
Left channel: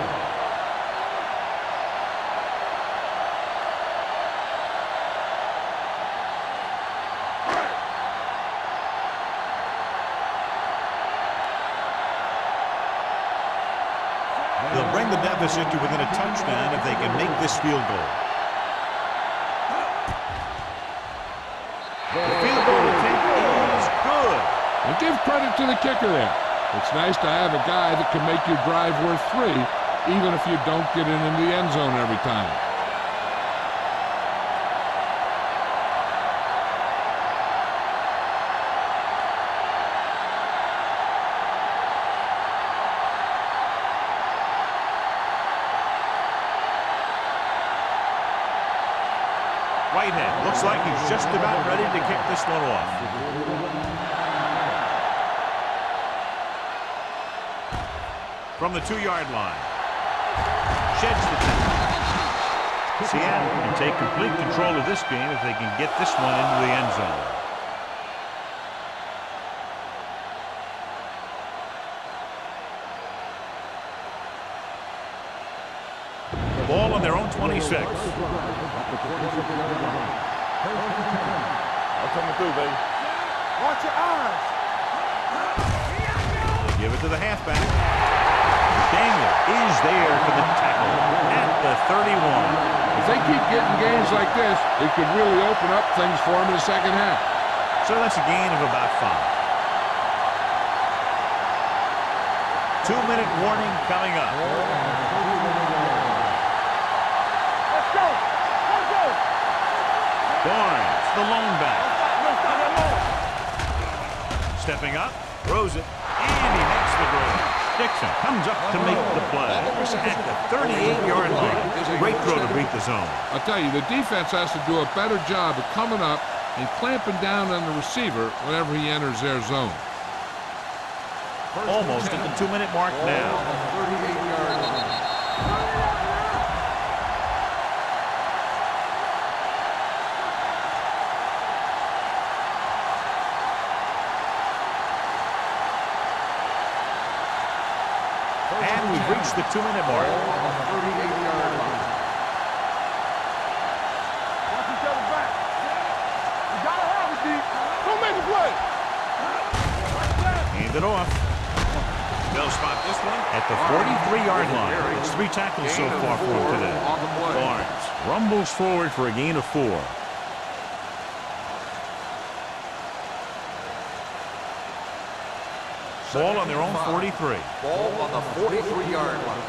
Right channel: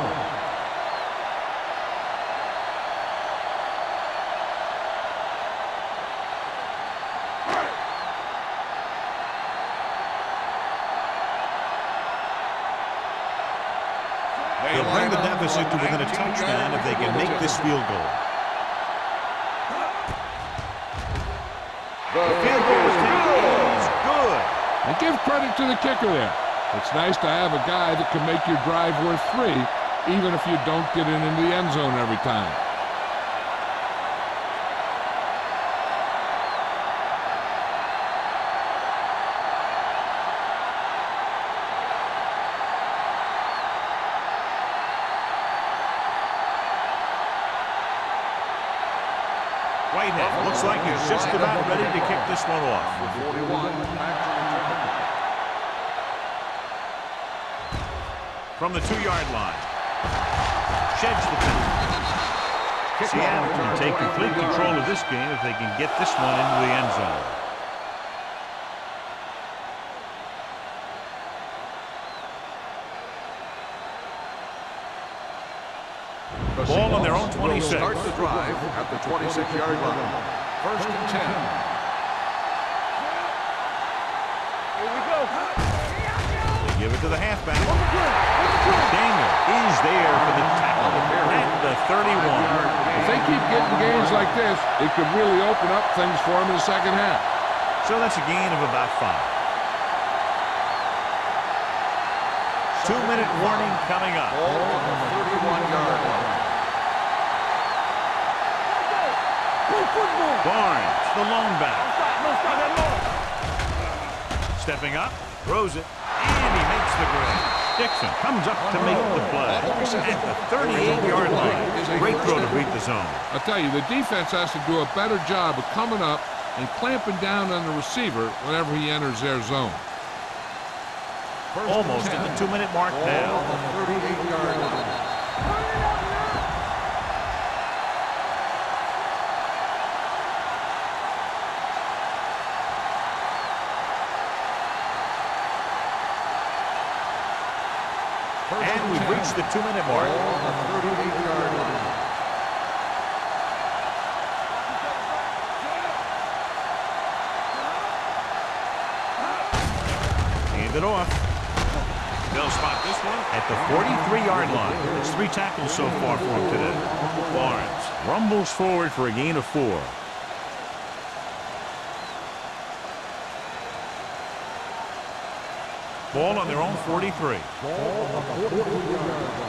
They'll bring the deficit to within a touchdown if they can make this field goal. The field goal attempt is good. And give credit to the kicker there. It's nice to have a guy that can make your drive worth 3, even if you don't get it into the end zone every time. Whitehead looks like he's just about ready to kick this one off. From the 2-yard line. Sheds the 10. Seattle can take complete control of this game if they can get this one into the end zone. Ball on their own 26. Start the drive at the 26-yard line. 1st and 10. I'm coming through, baby. Watch your eyes. Here we go. They give it to the halfback. Daniel is there for the tackle at the 31. If they keep getting gains like this, it could really open up things for them in the second half. So that's a gain of about 5. 2-minute warning coming up. Ball on the 31-yard line. Barnes, the lone back. No stop that more. Stepping up, throws it, and he makes the grab. Dixon comes up to make the play at the 38-yard line. Great throw to beat the zone. I'll tell you, the defense has to do a better job of coming up and clamping down on the receiver whenever he enters their zone. Almost at the 2-minute mark now. On the 38-yard line. And we've reached the 2-minute mark. Ball on the 38-yard line. Watch each other back. You gotta have it, D. Don't make a play. Hand it off. They'll spot this one at the 43-yard line. It's 3 tackles so far for him today. Barnes rumbles forward for a gain of 4. Ball on their own 43. Ball on the 43-yard line.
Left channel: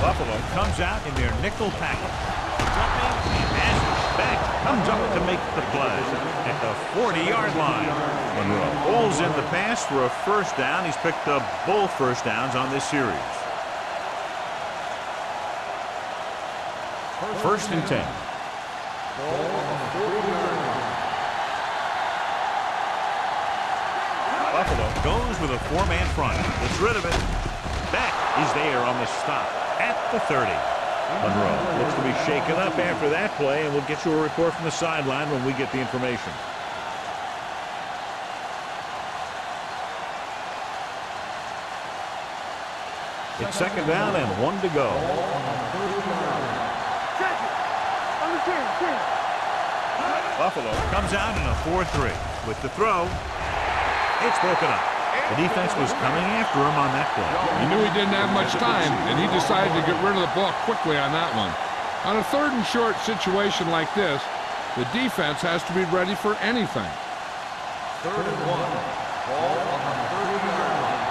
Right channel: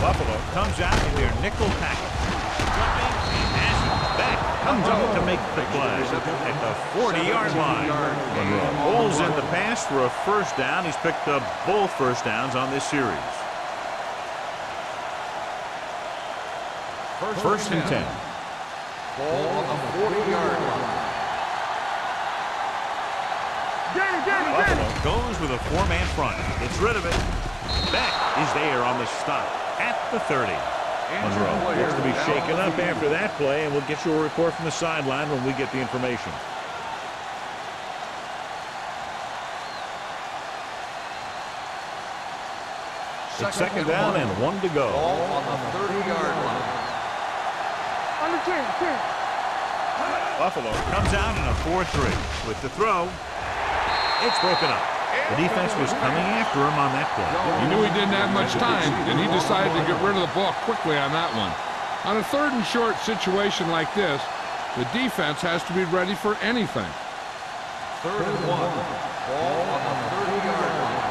Buffalo comes out in their nickel tackle. Jumping and has it. Back comes up to make the play at the 40-yard line. Monroe pulls in the pass for a first down. He's picked up both first downs on this series. First and 10. Ball on the 40-yard line. Buffalo goes with a 4-man front. Gets rid of it. Beck is there on the stop at the 30. Monroe looks to be shaken up after that play, and we'll get you a report from the sideline when we get the information. It's second down and 1 to go. Buffalo comes out in a 4-3 with the throw. It's broken up. The defense was coming after him on that play. He knew he didn't have much time, and he decided to get rid of the ball quickly on that one. On a 3rd and short situation like this, the defense has to be ready for anything. 3rd and 1. Ball on the 30-yard line.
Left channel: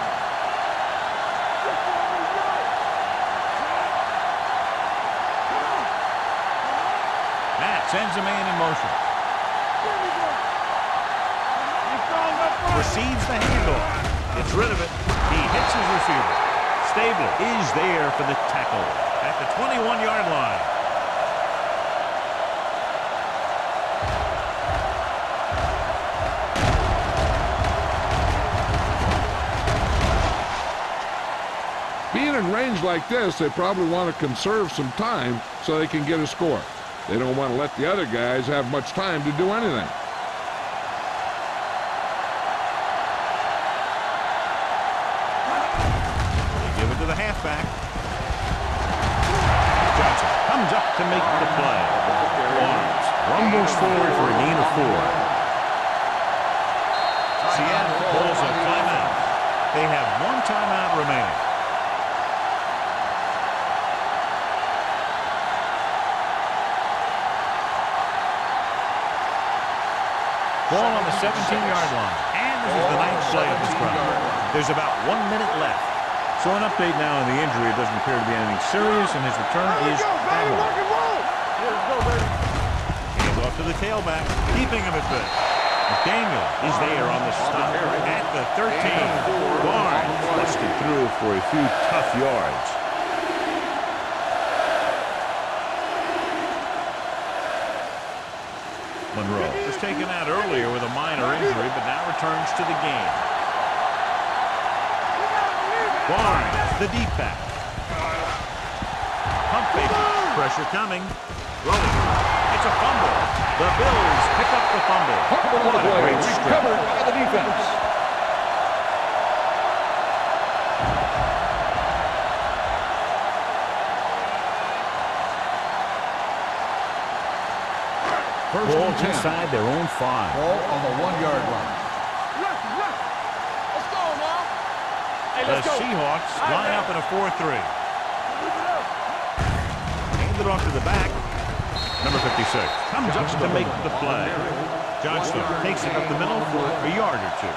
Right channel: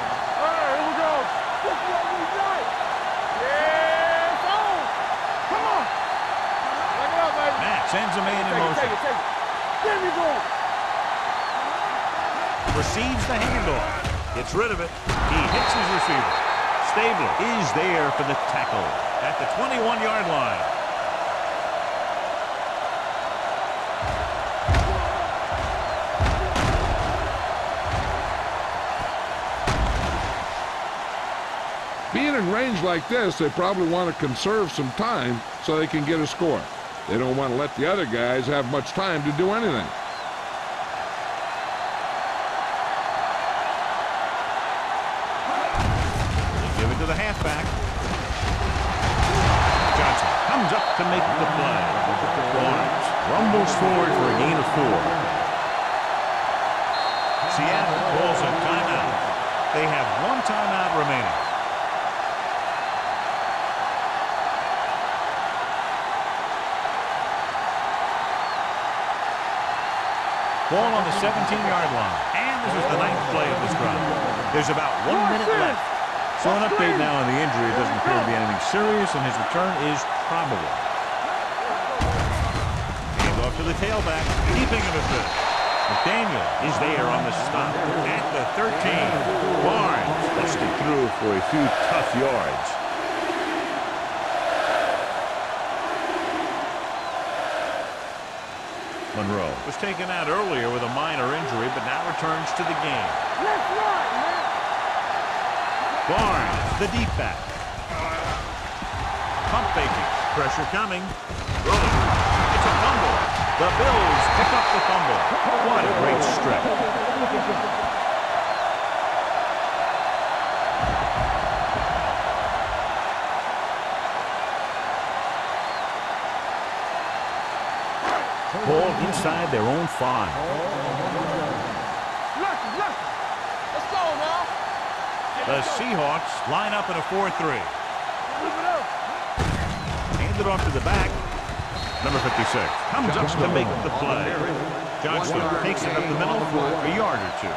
Matt sends a man in motion. Receives the handoff. Gets rid of it. He hits his receiver. Stabler is there for the tackle at the 21-yard line. Being in range like this, they probably want to conserve some time so they can get a score. They don't want to let the other guys have much time to do anything. The halfback. Johnson comes up to make the play. Barnes rumbles forward for a gain of 4. Seattle pulls a timeout. They have 1 timeout remaining. Ball on the 17-yard line. And this is the 9th play of this drive. There's about 1 minute left. So an update now on the injury. It doesn't appear to be anything serious, and his return is probable. Hands off to the tailback, keeping him at bit. McDaniel is there on the stop at the 13. Barnes busted through for a few tough yards. Monroe was taken out earlier with a minor injury, but now returns to the game. Barnes, the deep back. Pump faking. Pressure coming. Rolling. It's a fumble. The Bills pick up the fumble. What a great strip. Ball inside their own 5. Ball on the 1-yard line. Let's go now. The Seahawks line up in a 4-3. Handed off to the back. Number 56 comes up to make the play. Johnstone takes it up the middle for a yard or 2.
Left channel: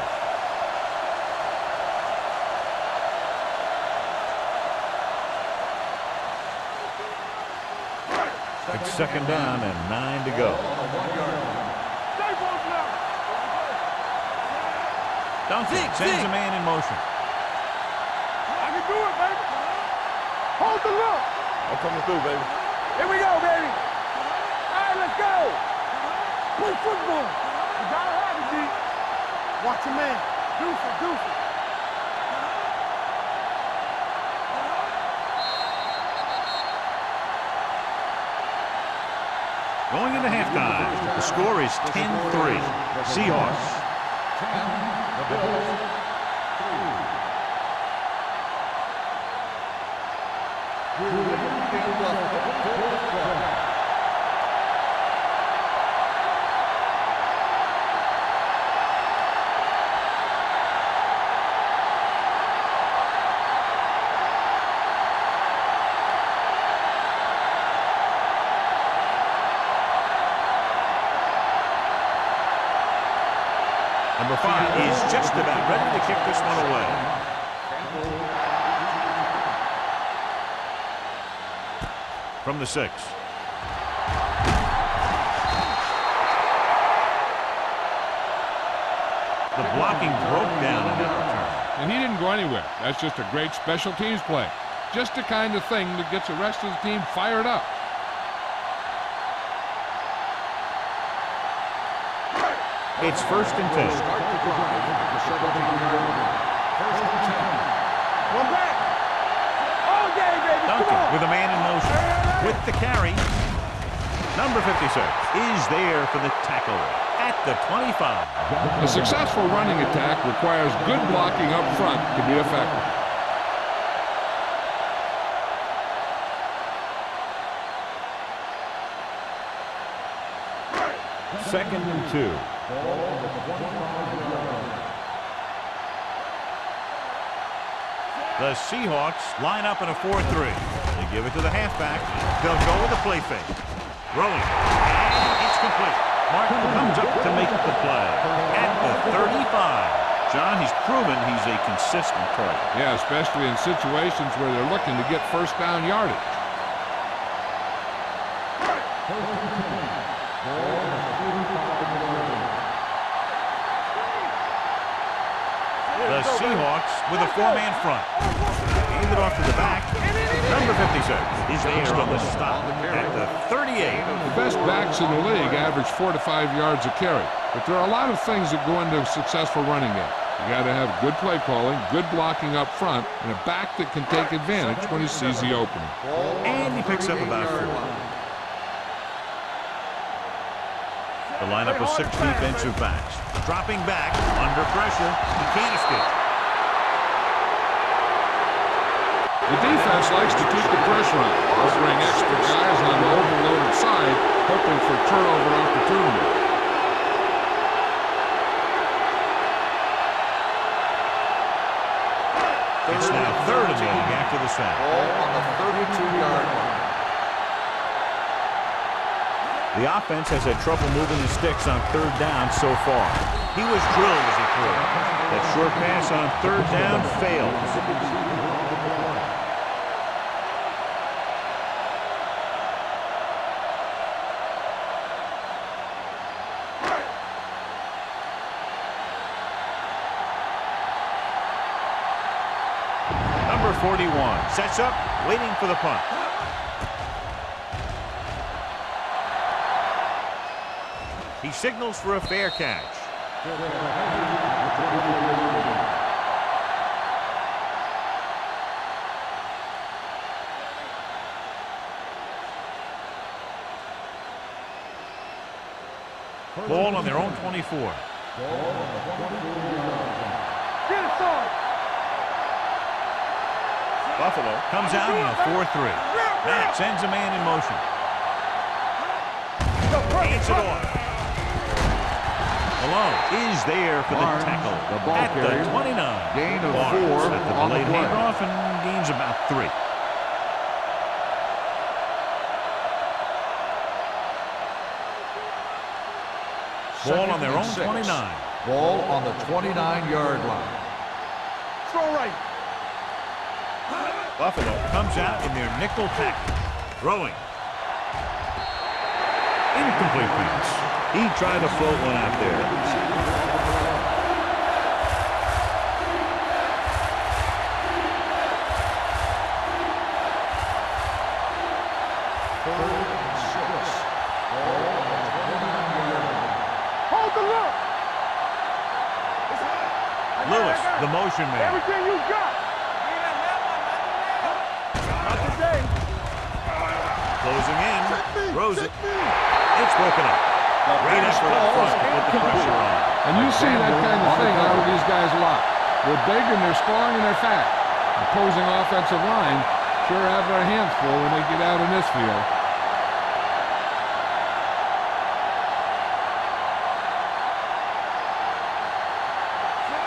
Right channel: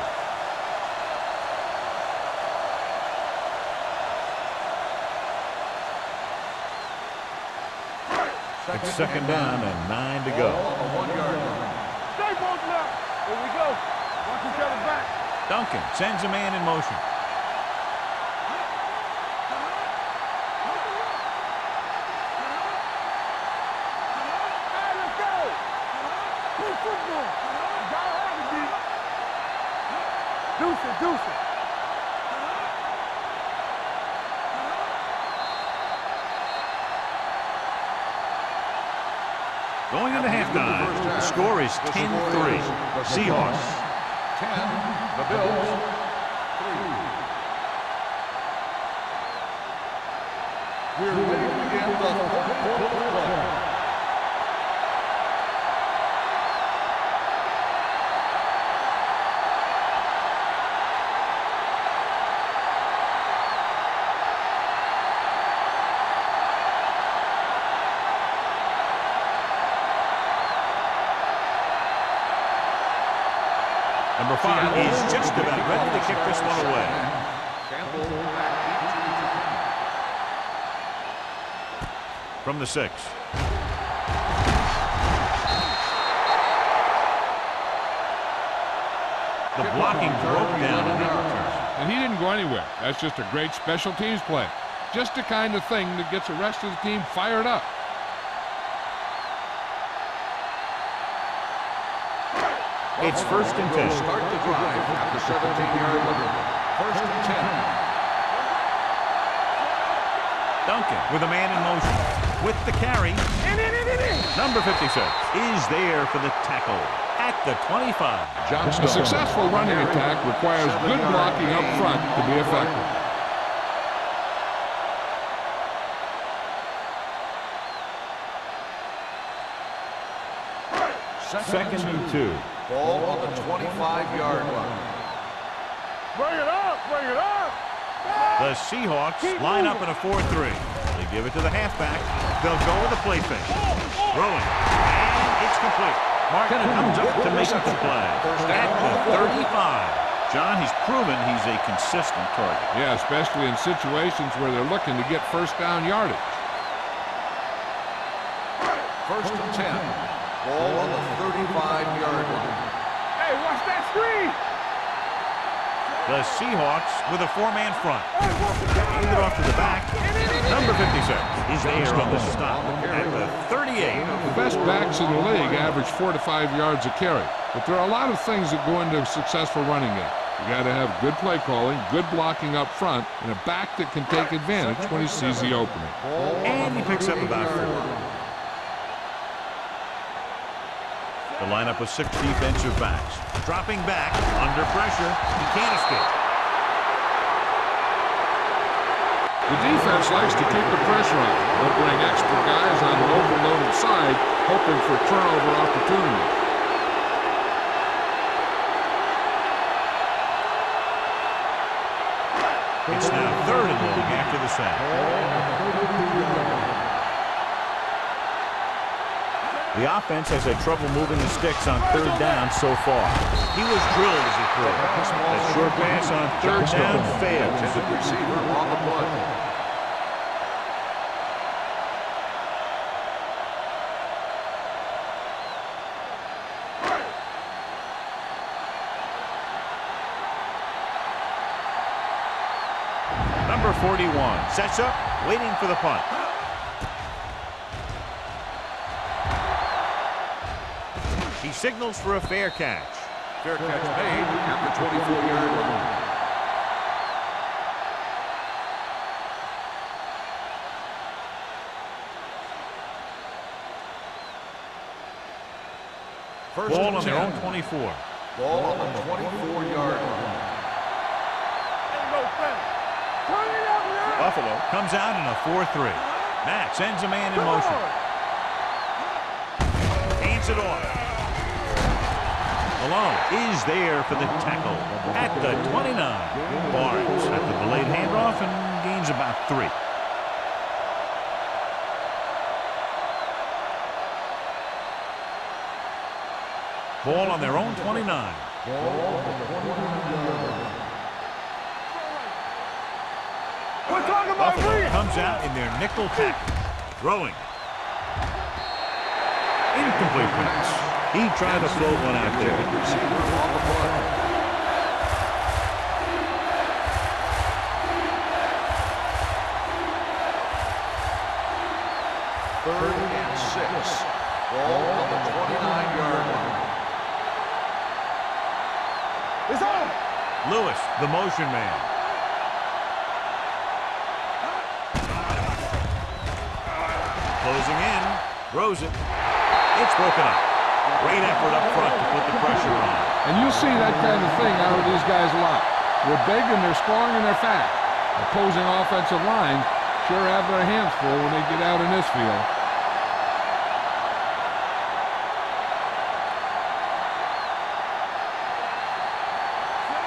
It's second down and 9 to go. On the 1-yard line. Stay both now. Here we go. Duncan sends a man in motion. Hold the look. I'm coming through, baby. Here we go, baby. All right, let's go. Play football. You gotta have it, D. Watch your man. Deuce it, deuce it. Going into halftime, the score is 10-3. Seahawks. 10, the Bills, 3. We're ready to begin the 3rd quarter of play. Number 5 is just about ready to kick this one away. From the 6. The blocking broke down in that return. And he didn't go anywhere. That's just a great special teams play. Just the kind of thing that gets the rest of the team fired up. It's 1st and 10. Start the drive at the 17-yard line. 1st and 10. Duncan with a man in motion. With the carry. Number 56 is there for the tackle at the 25. A successful running attack requires good blocking up front to be effective. Second and 2. Ball on the 25-yard line. Bring it up, bring it up. The Seahawks line up in a 4-3. They give it to the halfback. They'll go with a play fake. Throwing. And it's complete. Martin comes up to make the play at the 35. John, he's proven he's a consistent target. Yeah, especially in situations where they're looking to get first down yardage. 1st and 10. Ball on the 35-yard line. Hey, watch that screen. The Seahawks with a 4-man front. Hand it off to the back. Number 56 is there on the stop at the 38. The best backs in the league average 4 to 5 yards a carry. But there are a lot of things that go into a successful running game. You got to have good play calling, good blocking up front, and a back that can take advantage when he sees the opening. And he picks up about 4. The lineup of 6 defensive backs. Dropping back, under pressure. He can't escape. The defense likes to keep the pressure on. They'll bring extra guys on the overloaded side, hoping for turnover opportunities. It's now 3rd and long after the sack. Ball on the 32-yard line. The offense has had trouble moving the sticks on 3rd down so far. He was drilled as he threw it. That short pass on 3rd down fails. Intended receiver on the play. Number 41 sets up, waiting for the punt. He signals for a fair catch. Fair catch made at the 24-yard line. Ball on their own 24. Ball on the 24-yard line. Buffalo comes out in a 4-3. Matt sends a man in motion. Hands it off. Malone is there for the tackle at the 29. Barnes at the delayed handoff and gains about 3. Ball on their own 29. Ball on the 29-yard line. Buffalo comes out in their nickel package. Throwing. Incomplete pass. He tried to float one out there. Receiver on the play. Third and 6. Ball on the 29-yard line. Hold the look. It's on. Lewis, the motion man. Everything you got. Closing in. Throws it. It's broken up. Great effort up front to put the pressure on. And you'll see that kind of thing out of these guys a lot. They're big and they're strong and they're fast. Opposing offensive lines sure have their hands full when they get out in this field.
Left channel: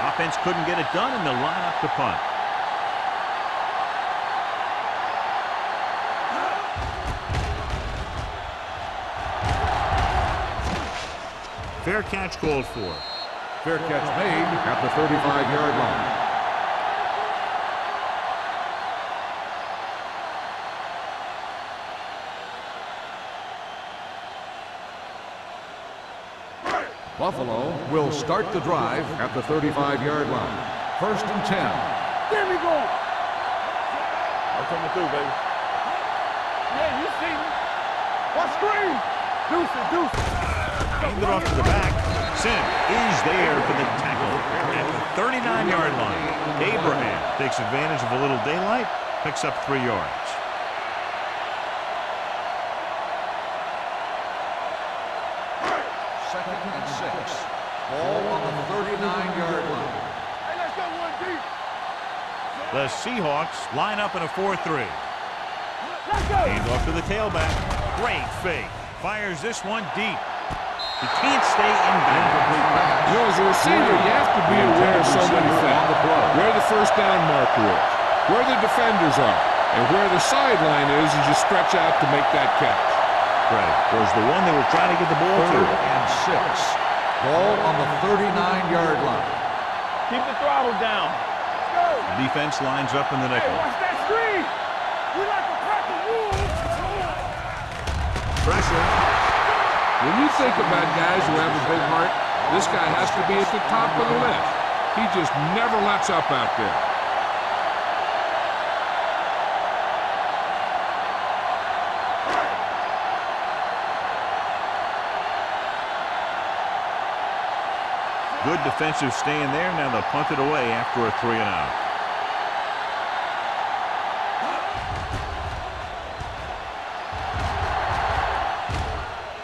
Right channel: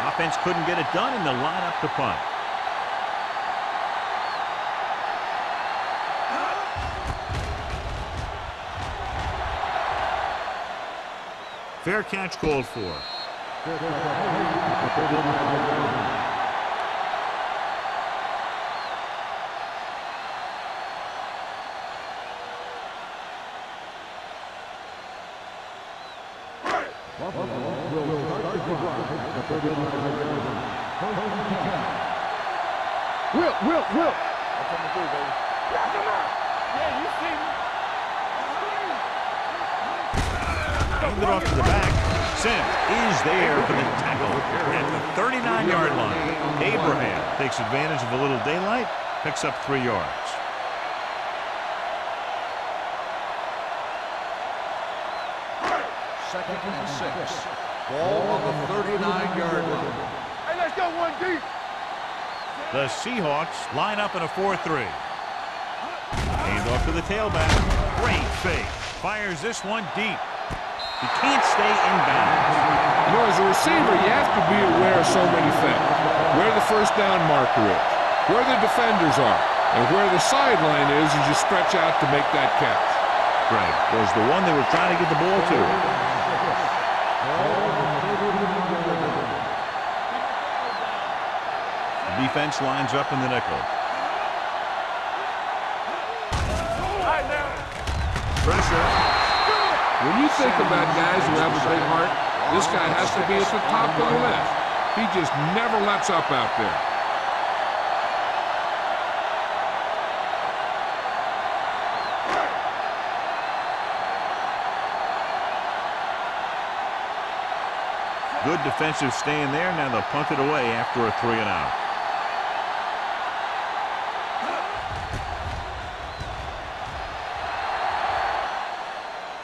Offense couldn't get it done in the lineup to punt. Fair catch called for. Fair catch made at the 35-yard line. Buffalo will start the drive at the 35-yard line. 1st and 10. There we go. Will. I'm coming through, baby. Yeah, you see me. On screen. Deuce. Hand it off to the back. Sim is there for the tackle at the 39-yard line. Abraham takes advantage of a little daylight, picks up 3 yards. Second and 6. Ball on the 39-yard line. Hey, let's go 1 deep. The Seahawks line up in a 4-3. Hand off to the tailback. Great fake. Fires this one deep. He can't stay in bounds. You know, as a receiver, you have to be aware of so many things. Where the first down marker is, where the defenders are, and where the sideline is as you stretch out to make that catch. Greg was the one they were trying to get the ball to. 3rd and 6. Ball on the 39-yard line. Keep the throttle down. The defense lines up in the nickel. Pressure. When you think about guys who have a big heart, this guy has to be at the top of the list. He just never lets up out there. Good defensive stand there. Now they'll punt it away after a 3-and-out.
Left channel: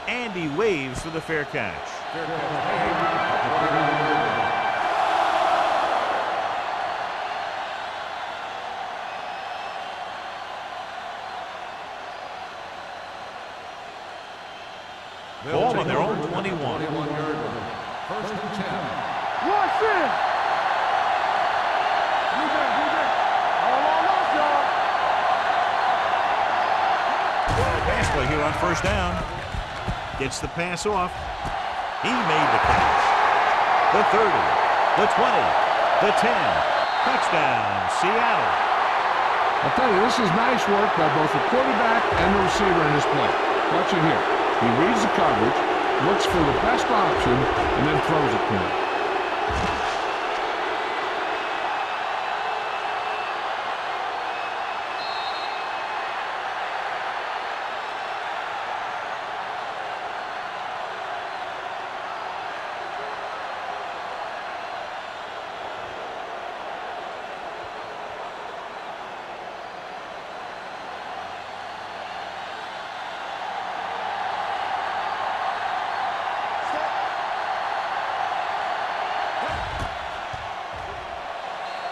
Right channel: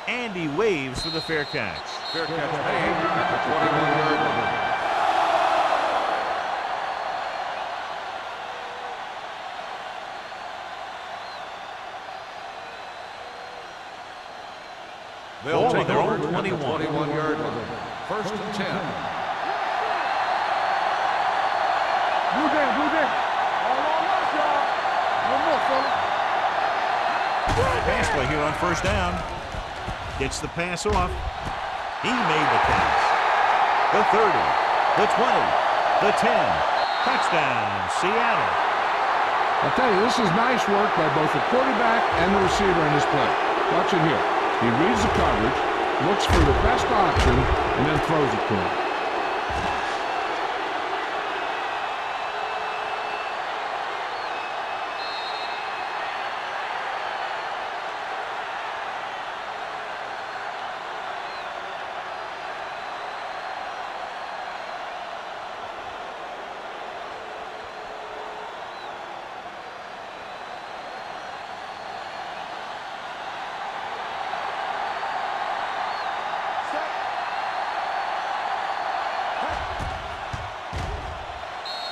And he waves for the fair catch. Fair catch made at the 21-yard line. They'll Ball take on their over own at the 21. 21-yard line. 1st and 10. Blue down. All on us, y'all. Pass play here on 1st down. Gets the pass off. He made the catch. The 30, the 20, the 10. Touchdown, Seattle. I'll tell you, this is nice work by both the quarterback and the receiver in this play. Watch it here. He reads the coverage, looks for the best option, and then throws it to him.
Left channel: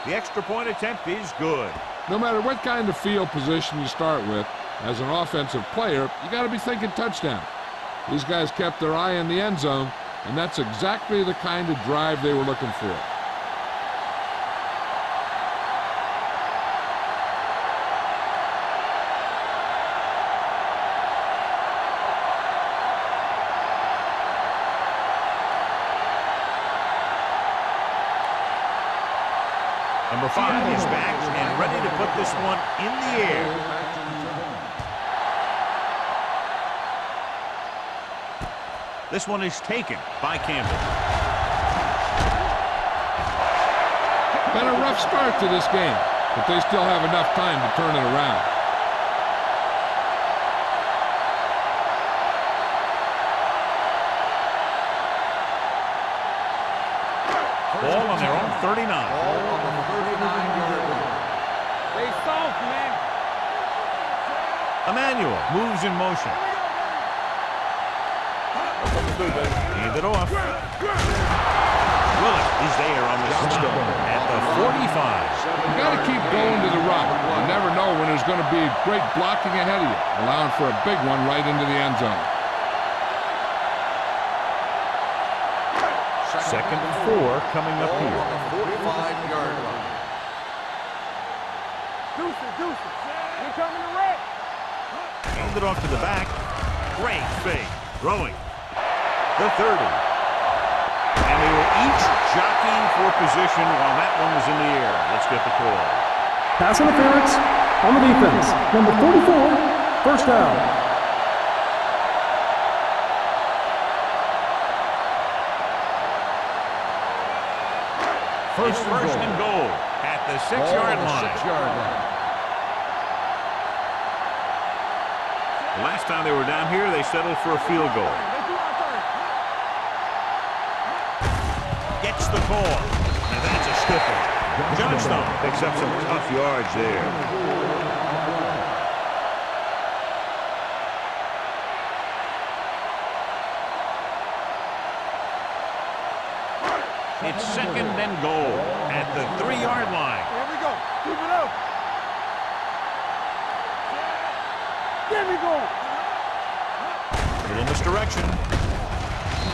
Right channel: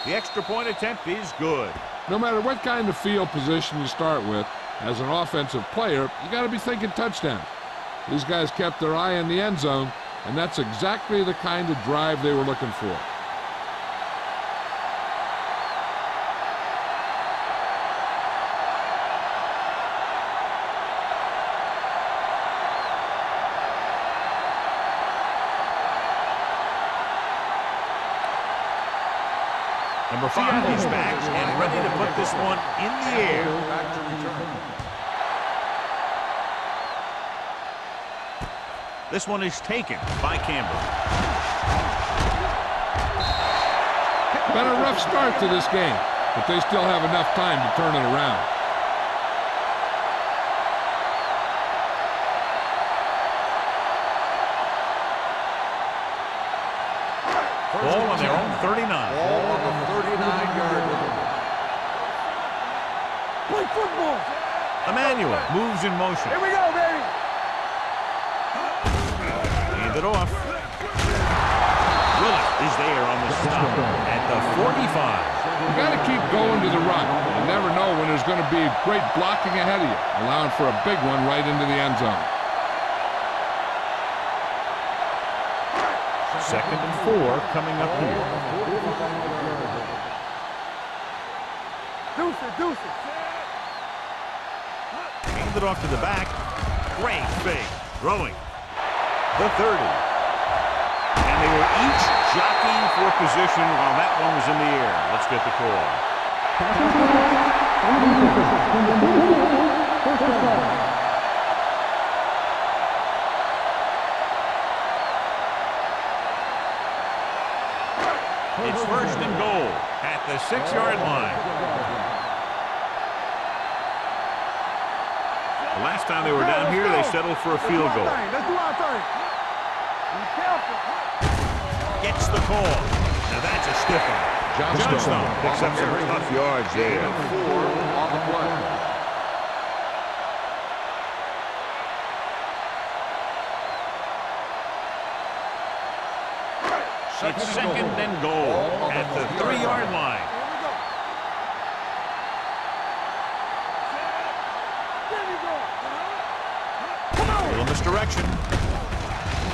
The extra point attempt is good. No matter what kind of field position you start with, as an offensive player, you got to be thinking touchdown. These guys kept their eye on the end zone, and that's exactly the kind of drive they were looking for. Number 5 is back and ready to put this one in the air. Back to return. This one is taken by Campbell. Been a rough start to this game, but they still have enough time to turn it around. Ball on their own 39. Ball on the 39-yard line. Hey, soft, man. Play football. Emmanuel moves in motion. Here we go, baby. Hand it off. Willett is there on the stop at the 45. You got to keep going to the run. You never know when there's going to be great blocking ahead of you, allowing for a big one right into the end zone. 2nd and 4 coming up here. On the 45-yard line. Deuce it. You're coming to wreck. Hand it off to the back. Great fake. Throwing. The 30. And they were each jockeying for position while that one was in the air. Let's get the call. Pass interference on the defense. Number 44, first down. It's first and goal at the 6-yard line. The last time they were down here, they settled for a field goal. Let's do our thing. Gets the call. Now that's a stiff one. Johnstone picks up some tough yards there. It's second and goal at the 3-yard line. Here we go. Keep it up. There we go. Little misdirection.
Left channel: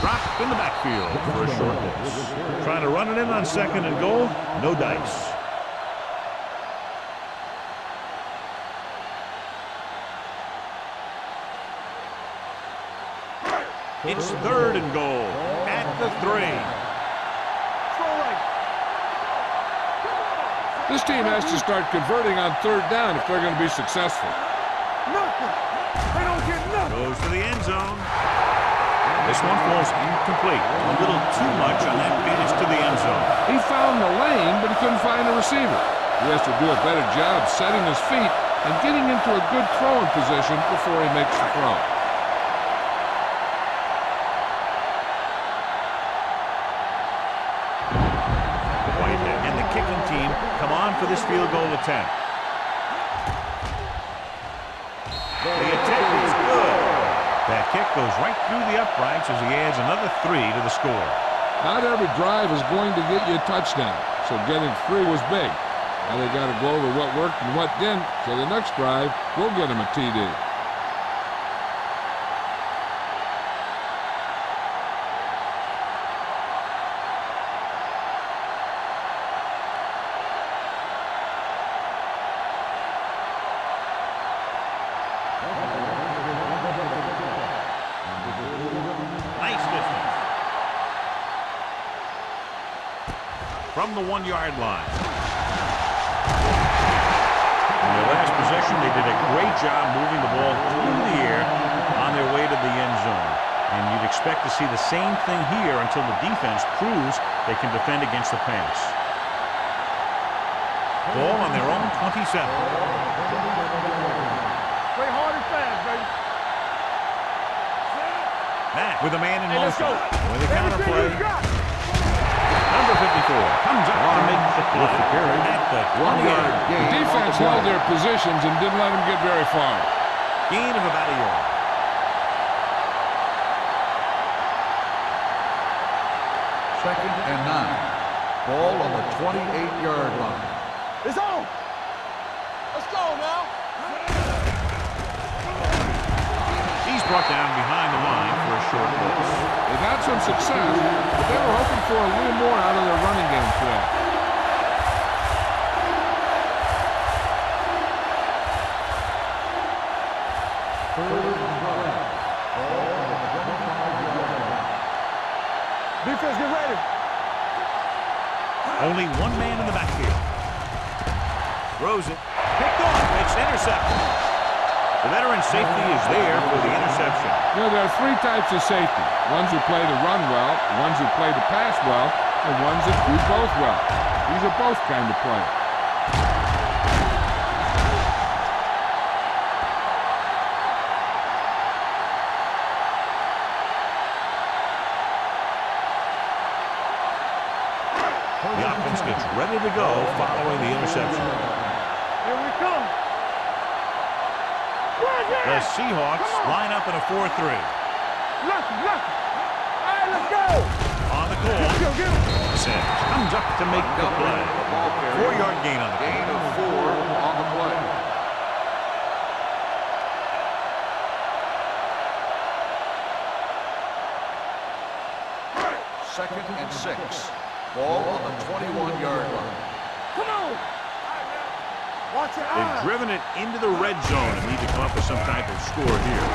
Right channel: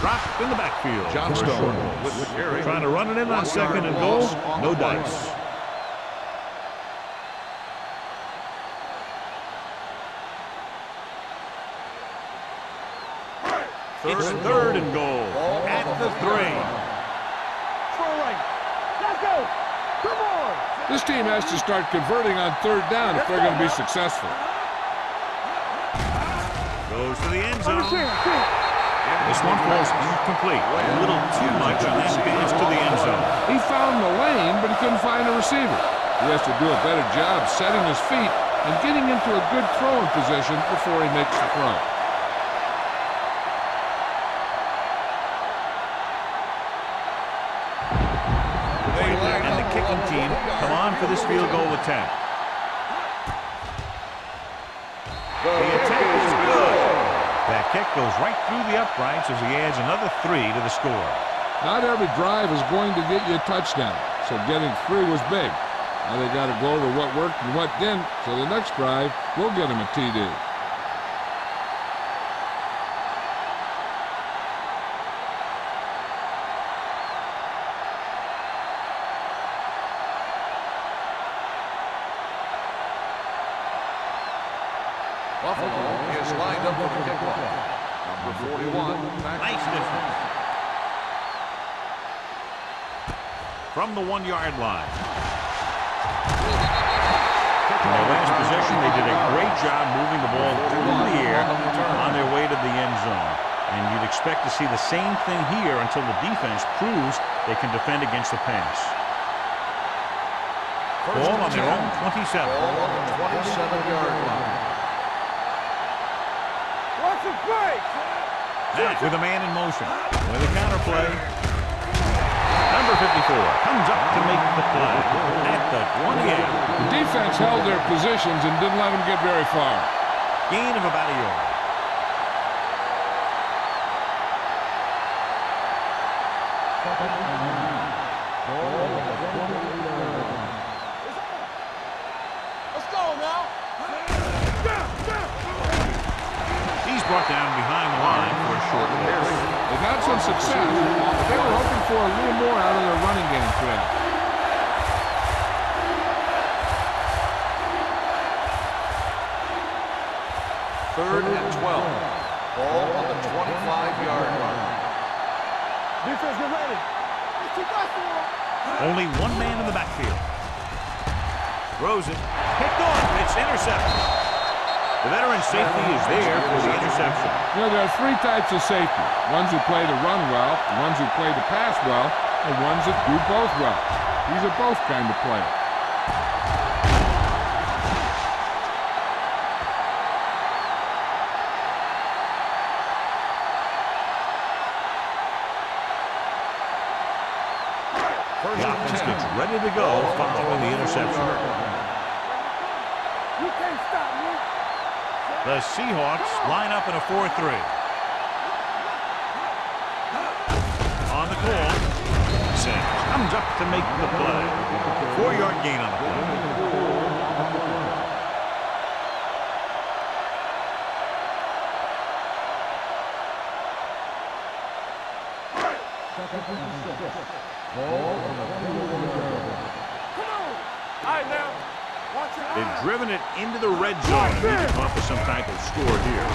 Dropped in the backfield for a short loss. Trying to run it in on second and goal. No dice. It's third and goal at the 3. This team has to start converting on third down if they're going to be successful. Goes to the end zone. This one falls incomplete. A little too much on that pass to the end zone. He found the lane, but he couldn't find a receiver. He has to do a better job setting his feet and getting into a good throwing position before he makes the throw. And the kicking team come on for this field goal attempt. The attempt is good. That kick goes right through the uprights as he adds another 3 to the score. Not every drive is going to get you a touchdown, so getting 3 was big. Now they got to go over what worked and what didn't, so the next drive will get him a TD. Buffalo is lined up for the kickoff. Number 41. Nice distance. From the 1-yard line. In their last possession, they did a great job moving the ball through the air on their way to the end zone. And you'd expect to see the same thing here until the defense proves they can defend against the pass. Ball on their own 27. Ball on the 27-yard line. Matt with a man in motion. With a counter play. Number 54 comes up to make the play at the 28. The defense held their positions and didn't let them get very far. Gain of about a yard. Second and 9. Ball on the 28-yard line. It's on. Let's go now. He's brought down behind the line for a short loss. They've had some success, but they were hoping for a little more out of their running game today. Third and 12. Ball on the 25-yard line. Defense, get ready. Only one man in the backfield. Throws it. Picked off. It's intercepted. The veteran safety is there for the interception. You know, there are 3 types of safety. Ones who play to run well, the ones who play to pass well, and ones that do both well. These are both kind of players. The offense gets ready to go following the interception. The Seahawks line up in a 4-3. On the call, Sims comes up to make the play. 4-yard gain on the play. Gain of 4 on the play. Second and 6. Ball on the 21-yard line. Come on. All right, now. Watch your eyes. They've driven it into the red zone and need to come up with some type of score here.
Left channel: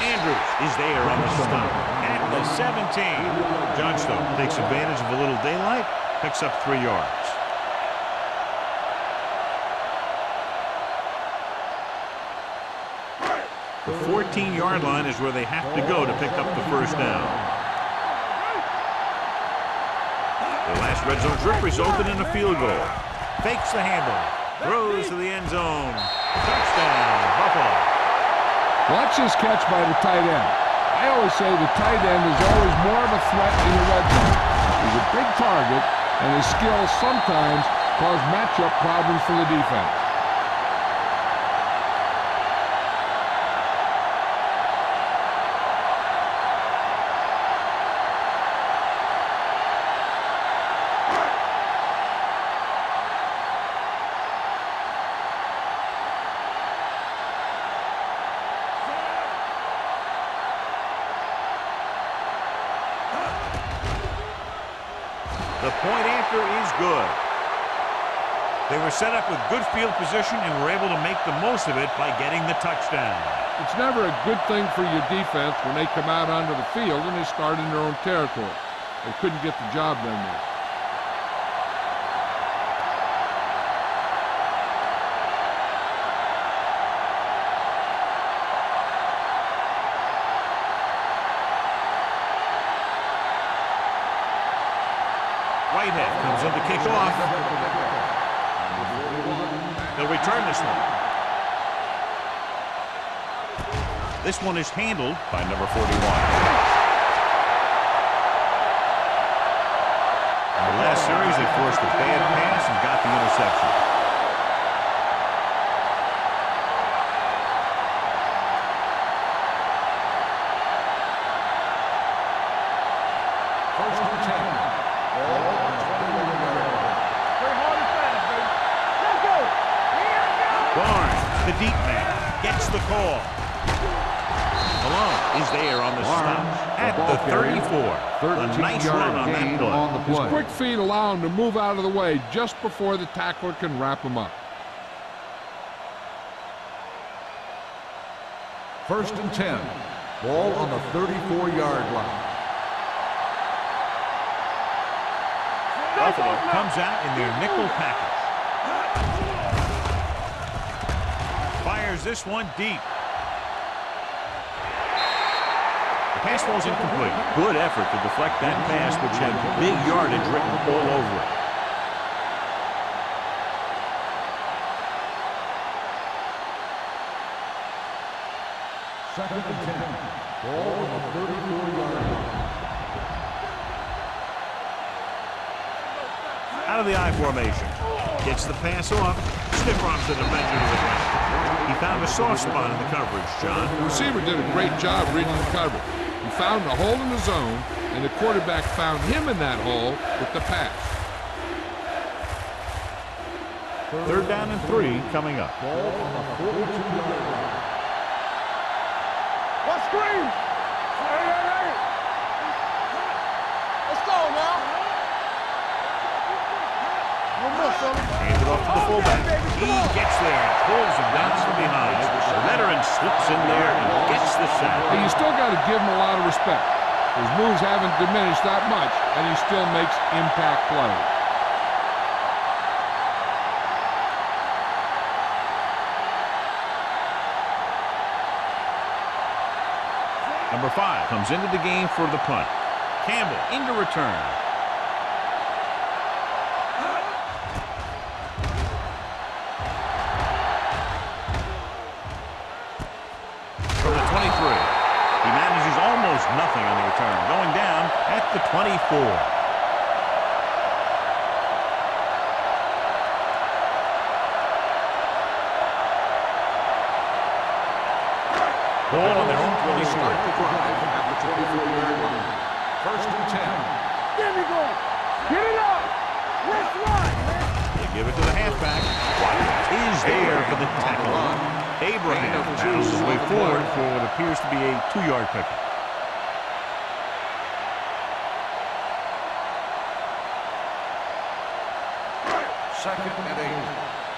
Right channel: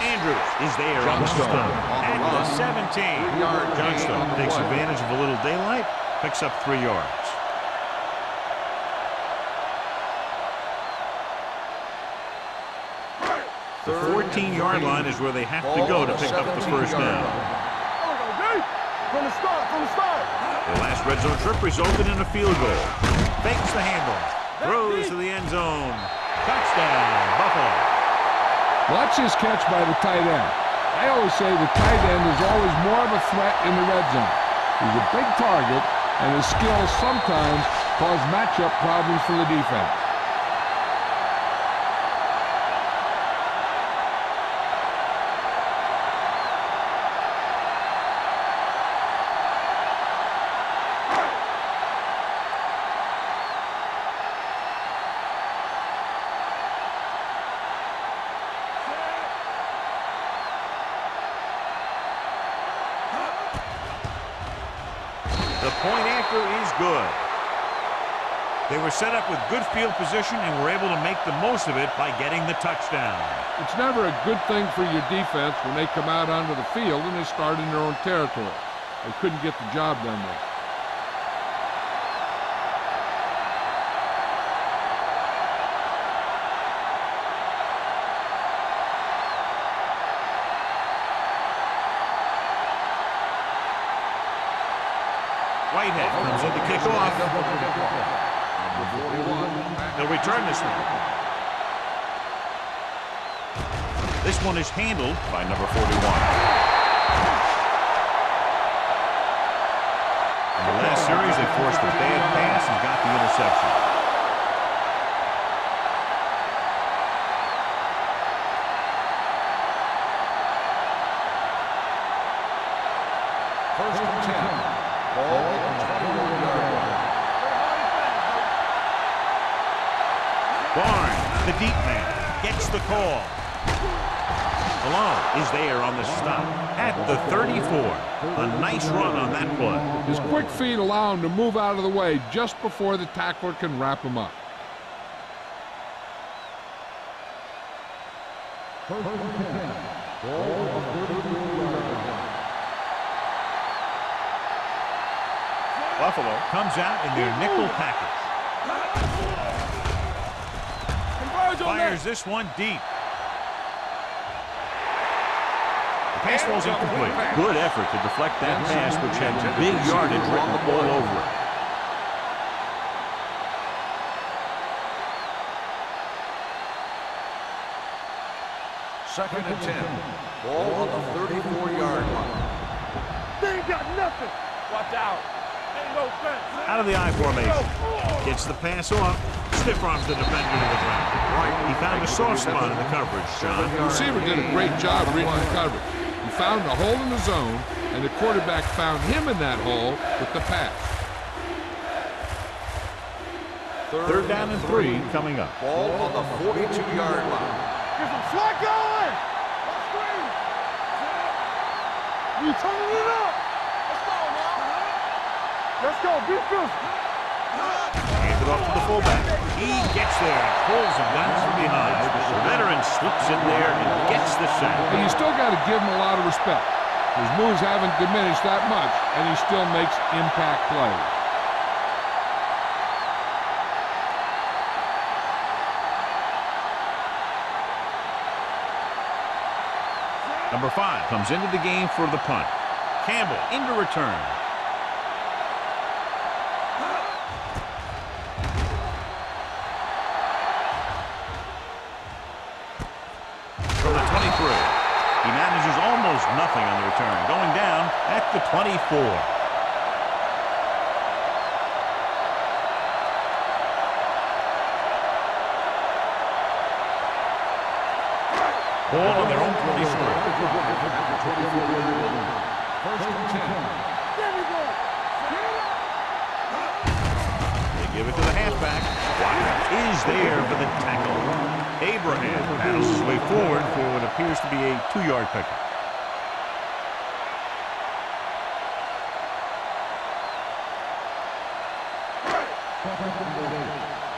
Andrews is there on the stop at the 17. Johnstone takes advantage of a little daylight, picks up 3 yards. The 14-yard line is where they have to go to pick up the first down. Their last red zone trip resulted in a field goal. Fakes the handoff, throws to the end zone. Touchdown, Buffalo. Watch this catch by the tight end. I always say the tight end is always more of a threat in the red zone. He's a big target, and his skills sometimes cause matchup problems for the defense. The point after is good. They were set up with good field position and were able to make the most of it by getting the touchdown. It's never a good thing for your defense when they come out onto the field and they start in their own territory. They couldn't get the job done there. Whitehead comes in to kick off. They'll return this one. This one is handled by number 41. In the last series, they forced a bad pass and got the interception. First and 10. Ball on the 21-yard line. Play hard and fast, baby. Let's go. Barnes, the deep man, gets the call. Malone is there on the stop at the 34. A nice run on that play. His quick feet allow him to move out of the way just before the tackler can wrap him up. First and 10. Ball on the 34-yard line. Buffalo comes out in their nickel package. Fires this one deep. The pass ball's incomplete. Good effort to deflect that pass, which had big yardage written all over it. Second and 10. Ball on the 34-yard line. They ain't got nothing. Watch out. Ain't no fence. Out of the I formation. Gets the pass off. Stiff arms the defender to the ground. He found a soft spot in the coverage, John. The receiver did a great job reading the coverage. He found a hole in the zone, and the quarterback found him in that hole with the pass. Third down and 3 coming up. Ball on the 42-yard line. Slide going. What screen? We turning it up. Let's go now. Let's go. Beat through. Hands it off to the fullback. He gets there and pulls him down from behind. The veteran slips in there and gets the sack. Hey, you still got to give him a lot of respect. His moves haven't diminished that much, and he still makes impact plays. Number 5 comes into the game for the punt. Campbell into return. From the 23. He manages almost nothing on the return, going down at the 24. Ball on their own 20 Start the drive at the 24-yard line. First and 10. There we go. Get it up. Let's run. They give it to the halfback. Watkins is there for the tackle. Abraham battles his way forward for what appears to be a 2-yard pickup. Second and 8.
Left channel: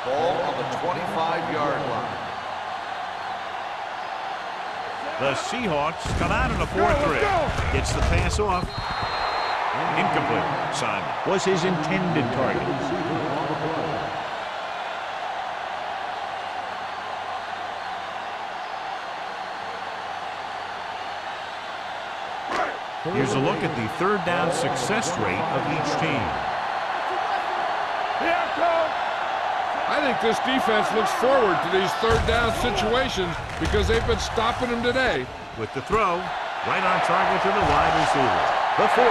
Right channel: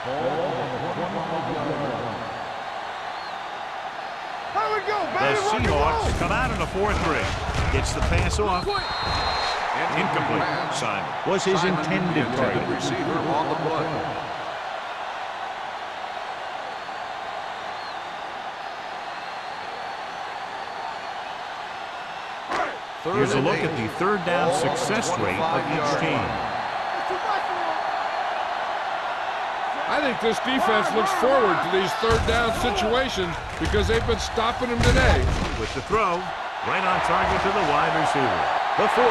Ball on the 25-yard line. Here we go, baby. The Seahawks come out in a 4-3. Gets the pass off. Incomplete. Simon was his intended target. Here's a look at the third down success rate of each team. I think this defense looks forward to these third down situations because they've been stopping them today. With the throw, right on target to the wide receiver. The 40,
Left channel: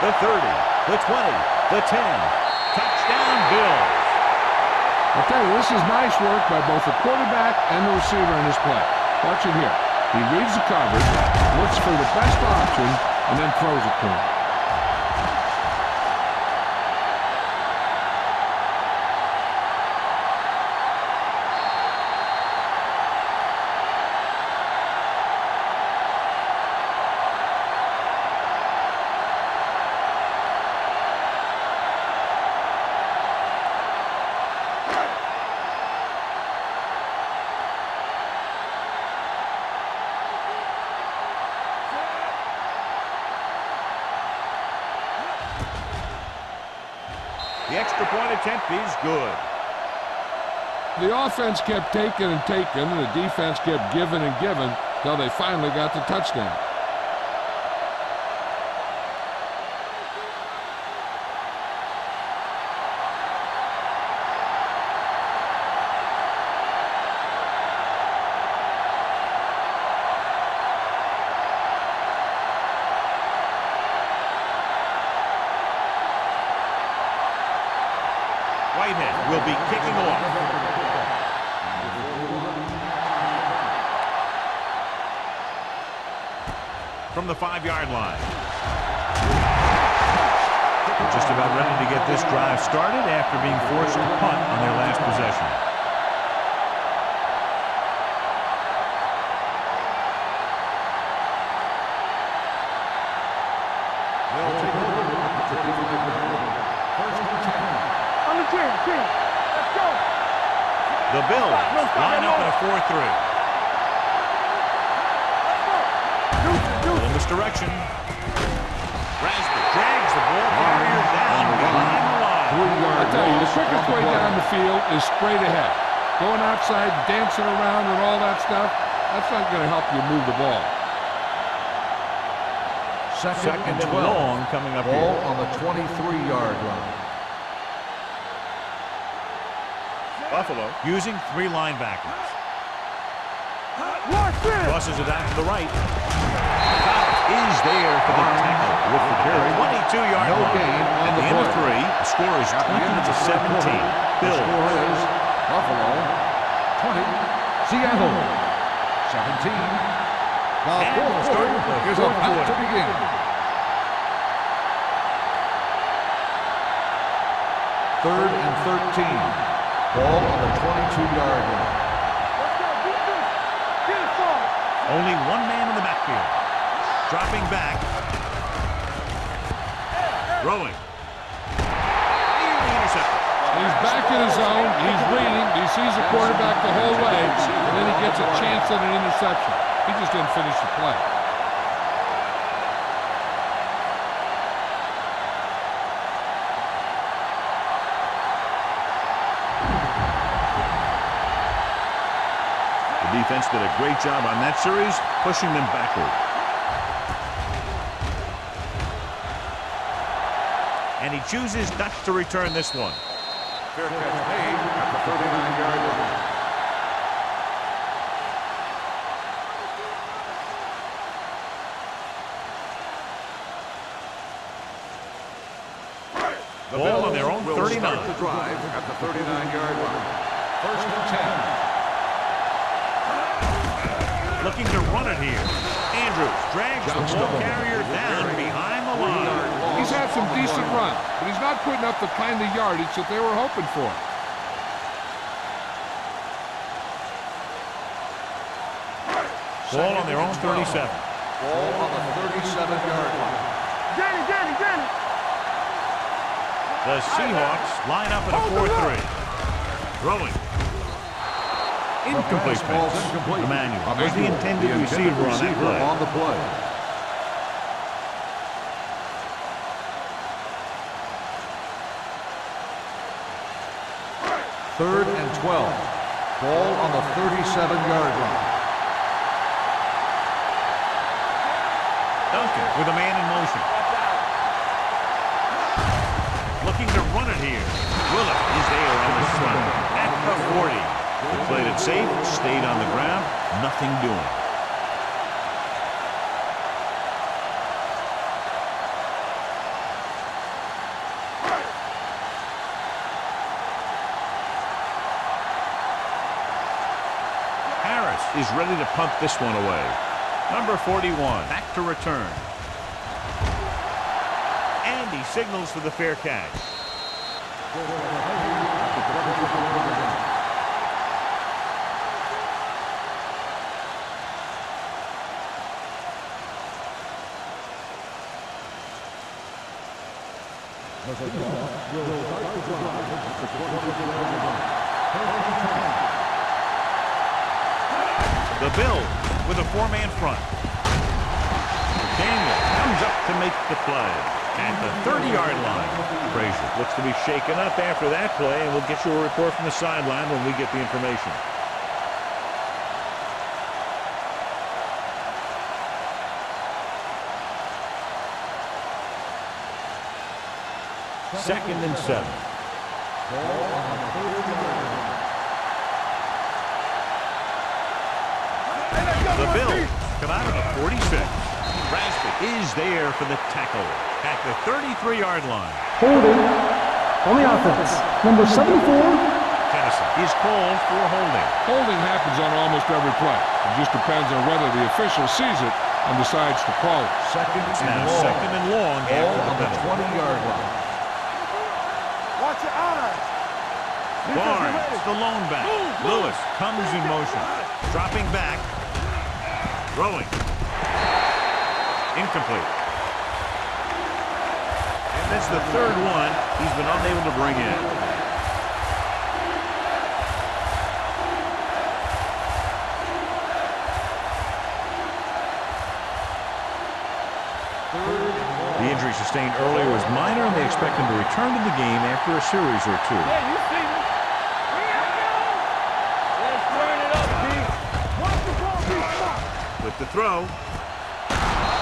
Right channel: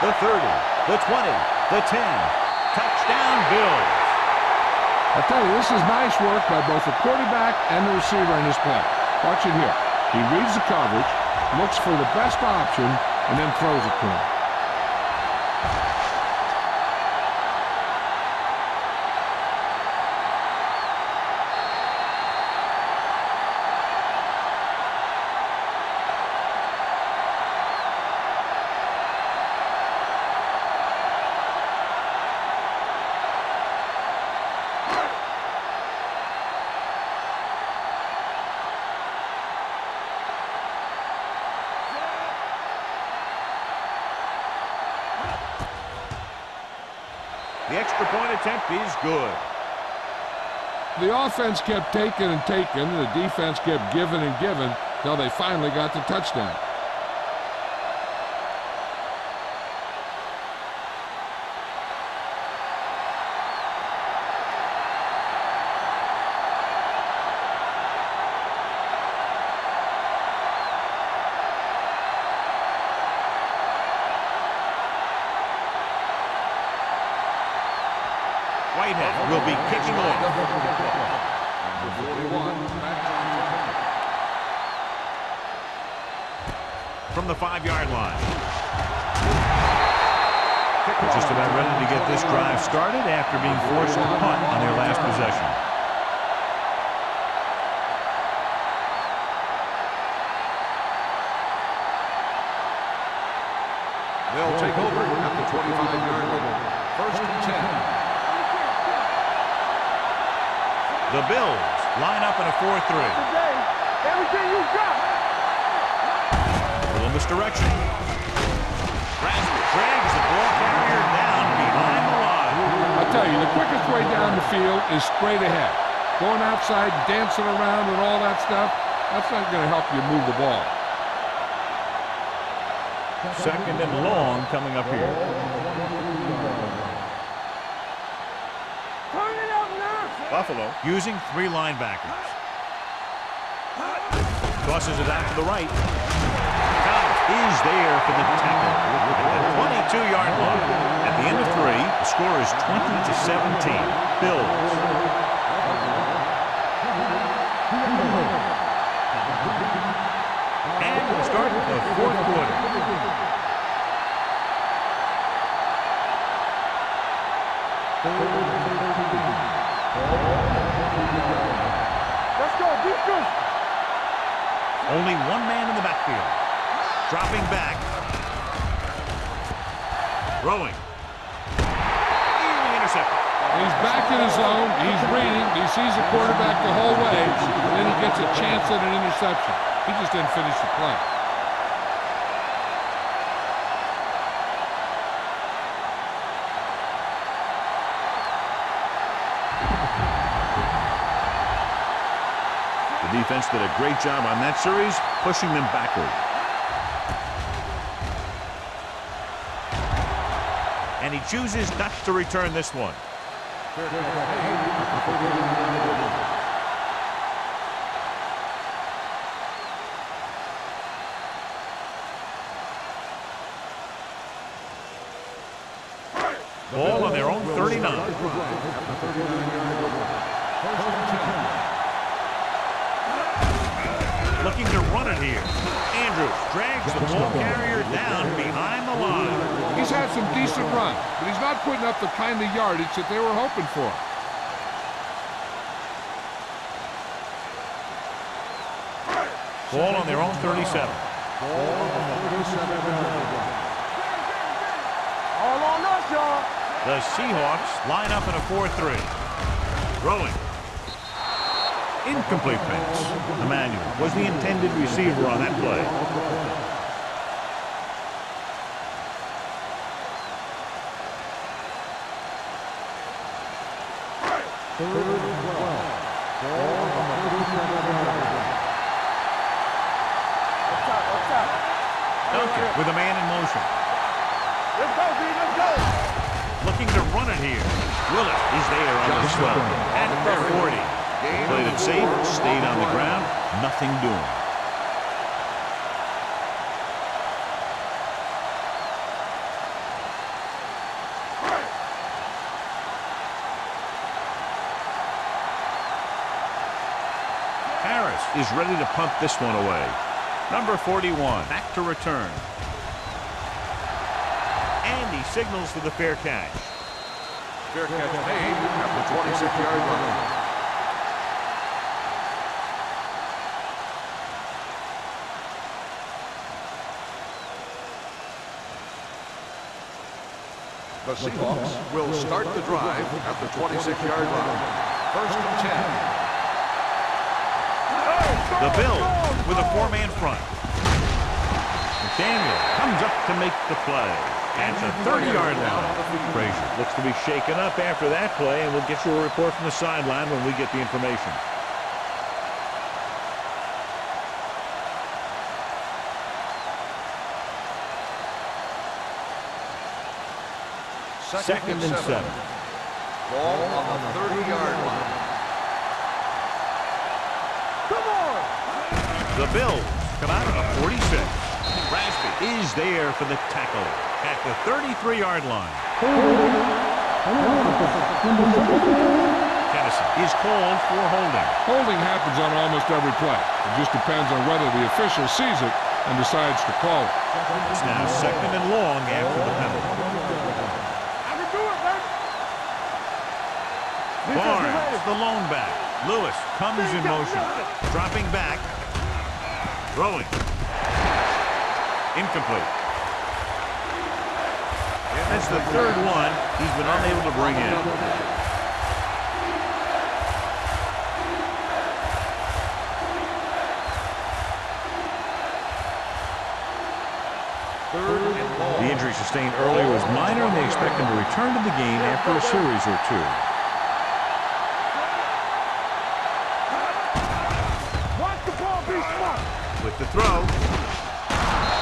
the 30, the 20, the 10. Touchdown, Bills. I'll tell you, this is nice work by both the quarterback and the receiver in this play. Watch it here. He reads the coverage, looks for the best option, and then throws it to him. The extra point attempt is good. The offense kept taking and taking, and the defense kept giving and giving until they finally got the touchdown. Whitehead will be kicking off. From the 5-yard line. They're just about ready to get this drive started after being forced to punt on their last possession. They'll take over at the 25-yard line. First and 10. On the 10. Let's go. The Bills line up in a 4-3. A little misdirection. Rasmus drags the ball carrier down behind the line. I'll tell you, the quickest way down the field is straight ahead. Going outside, dancing around and all that stuff, that's not going to help you move the ball. Second and long coming up here. On the 23-yard line. Buffalo using 3 linebackers. Tosses it out to the right. Thomas is there for the tackle at the 22-yard line. At the end of 3, the score is 20-17. Bills. Buffalo, 20. Seattle, 17. And we'll start the fourth quarter. Third and 13. Ball on the 22-yard line. Let's go. Defense. Get it started. Only one man in the backfield. Dropping back. Throwing. Nearly intercepted. He's back in his zone. He's reading. He sees the quarterback the whole way, and then he gets a chance at an interception. He just didn't finish the play. The defense did a great job on that series, pushing them backward. And he chooses not to return this one. Fair catch made at the 39-yard line. Ball on their own 39. Start the drive at the 39-yard line. First and 10. Looking to run it here. Andrews drags the ball carrier down behind the line. He's had some decent runs, but he's not putting up the kind of yardage that they were hoping for. Ball on their own 37. Ball on the 37-yard line. Danny. All on us, y'all. The Seahawks line up in a 4-3. Throwing. Incomplete pass. Emmanuel was the intended receiver on that play. Third and 12. Ball on the 37-yard line. Duncan with a man in motion. Looking to run it here. Willett is there on the stop at the 40. They played it safe, stayed on the ground, nothing doing. Harris is ready to punt this one away. Number 41 back to return. And he signals for the fair catch. Fair catch made at the 26-yard line. The Seahawks will start the drive at the 26-yard line. First and 10. The Bills with a four-man front. McDaniel comes up to make the play at the 30-yard line. Frazier looks to be shaken up after that play, and we'll get you a report from the sideline when we get the information. Second and 7. Ball on the 30-yard line. The Bills come out of the 46. Rasby is there for the tackle at the 33-yard line. Holding on the offense. Number 74. Tennyson is called for holding. Holding happens on almost every play. It just depends on whether the official sees it and decides to call it. It's now second and long after the penalty. 20-yard line. I can do it, baby. Watch your eyes. Barnes, the lone back. Lewis comes in motion. Dropping back. Throwing. Incomplete. And that's the third one he's been unable to bring in. Third and long. The injury sustained earlier was minor, and they expect him to return to the game after a series or two. Watch the ball be smart. With the throw,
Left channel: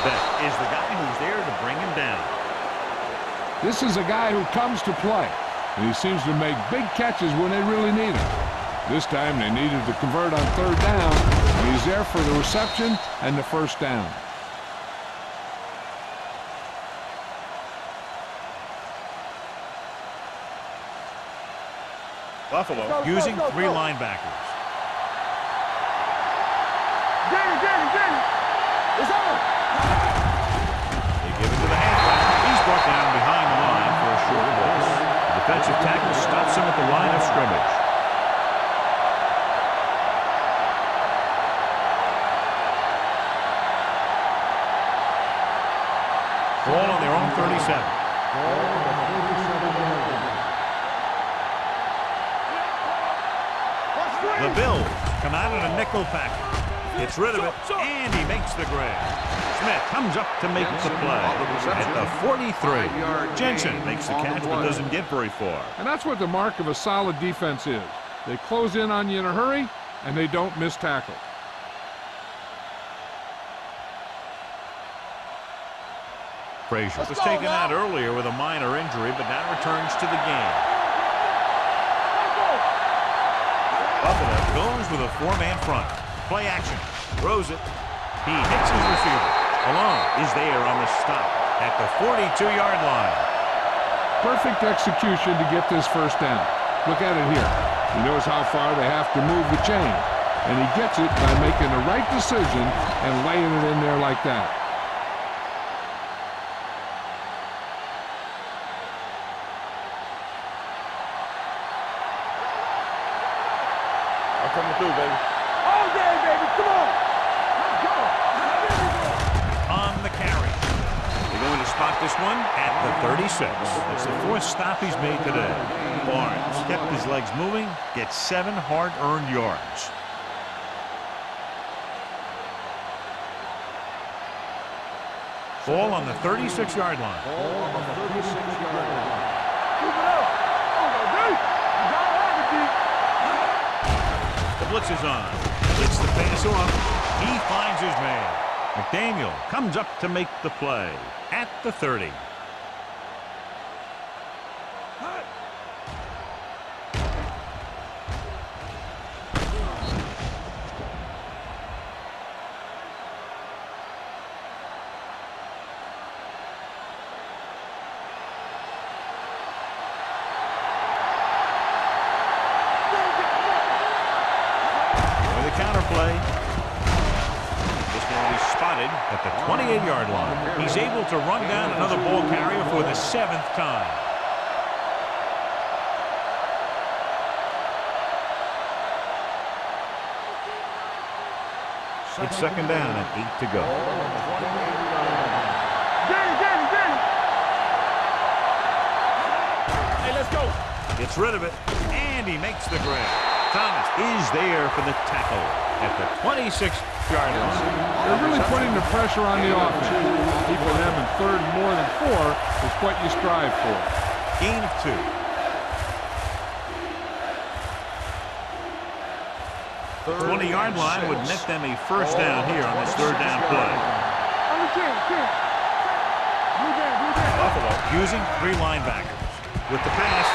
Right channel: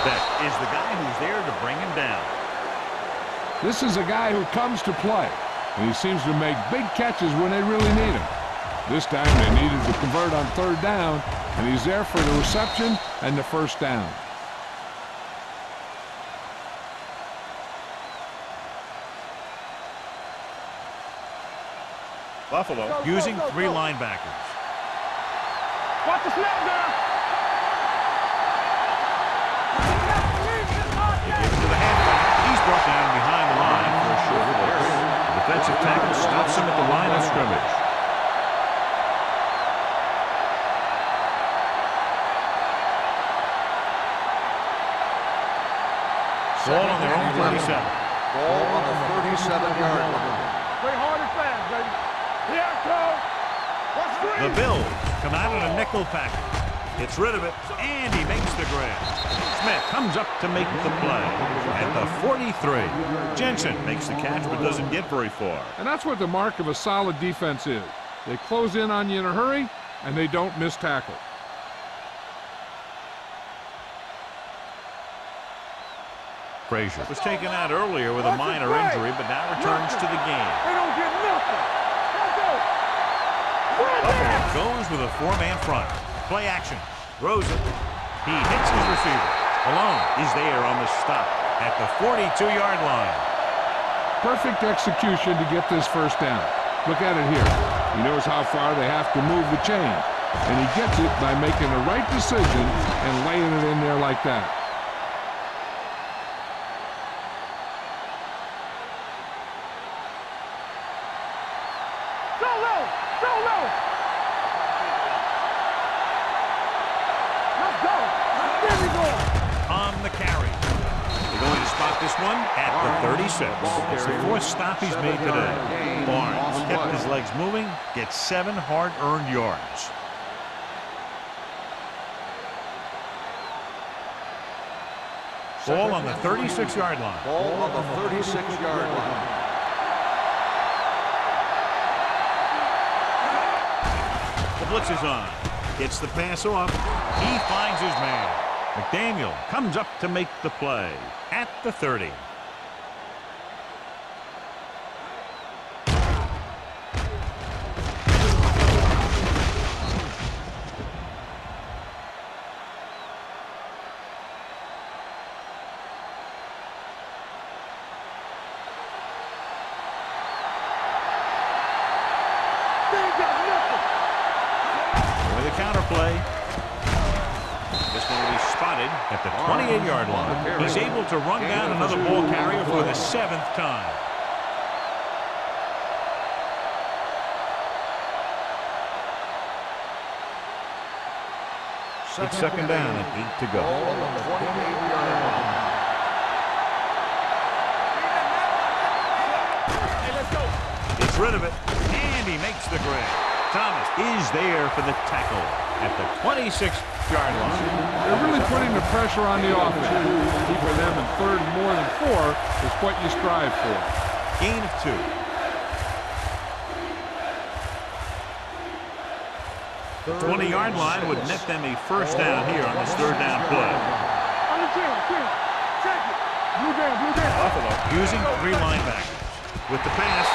Beck is the guy who's there to bring him down. This is a guy who comes to play, and he seems to make big catches when they really need him. This time they needed to convert on third down, and he's there for the reception and the first down. Buffalo using three linebackers. Watch the snap now. Jamie. It's on. They give it to the halfback. He's brought down behind the line for a short loss. The defensive tackle stops him at the line of scrimmage. Ball on their own 37. Ball on the 37-yard line. Play hard and fast, baby. Here I come. Watch screen. The Bills come out in a nickel package. Gets rid of it, and he makes the grab. Smith comes up to make the play at the 43. Jensen makes the catch but doesn't get very far. And that's what the mark of a solid defense is. They close in on you in a hurry, and they don't miss tackle. Frazier was taken out earlier with a minor injury, but now returns to the game. They don't get nothing. Let's go. Buffalo goes with a four-man front. Play action. Throws it. He hits his receiver. Alone is there on the stop at the 42-yard line. Perfect execution to get this first down. Look at it here. He knows how far they have to move the chain, and he gets it by making the right decision and laying it in there like that. On the carry. They're going to spot this one at the 36. It's the fourth stop he's made today. Barnes kept his legs moving, gets 7 hard-earned yards. Ball on the 36-yard line. Ball on the 36-yard line. The blitz is on. Gets the pass off. He finds his man. McDaniel comes up to make the play at the 30. With a counter play. This one will be spotted at the 28-yard line. He's able to run down another ball carrier for the 7th time. It's second down and 8 to go. Ball on the 28-yard line. Hey, let's go. Gets rid of it, and he makes the grab. Thomas is there for the tackle at the 26-yard line. They're really putting the pressure on the offense. Keeping them in third and more than 4 is what you strive for. Gain of 2. The 20-yard line would net them a first down here on this third down play. On the 10. Check it. Blue down. Buffalo using 3 linebackers. With the pass,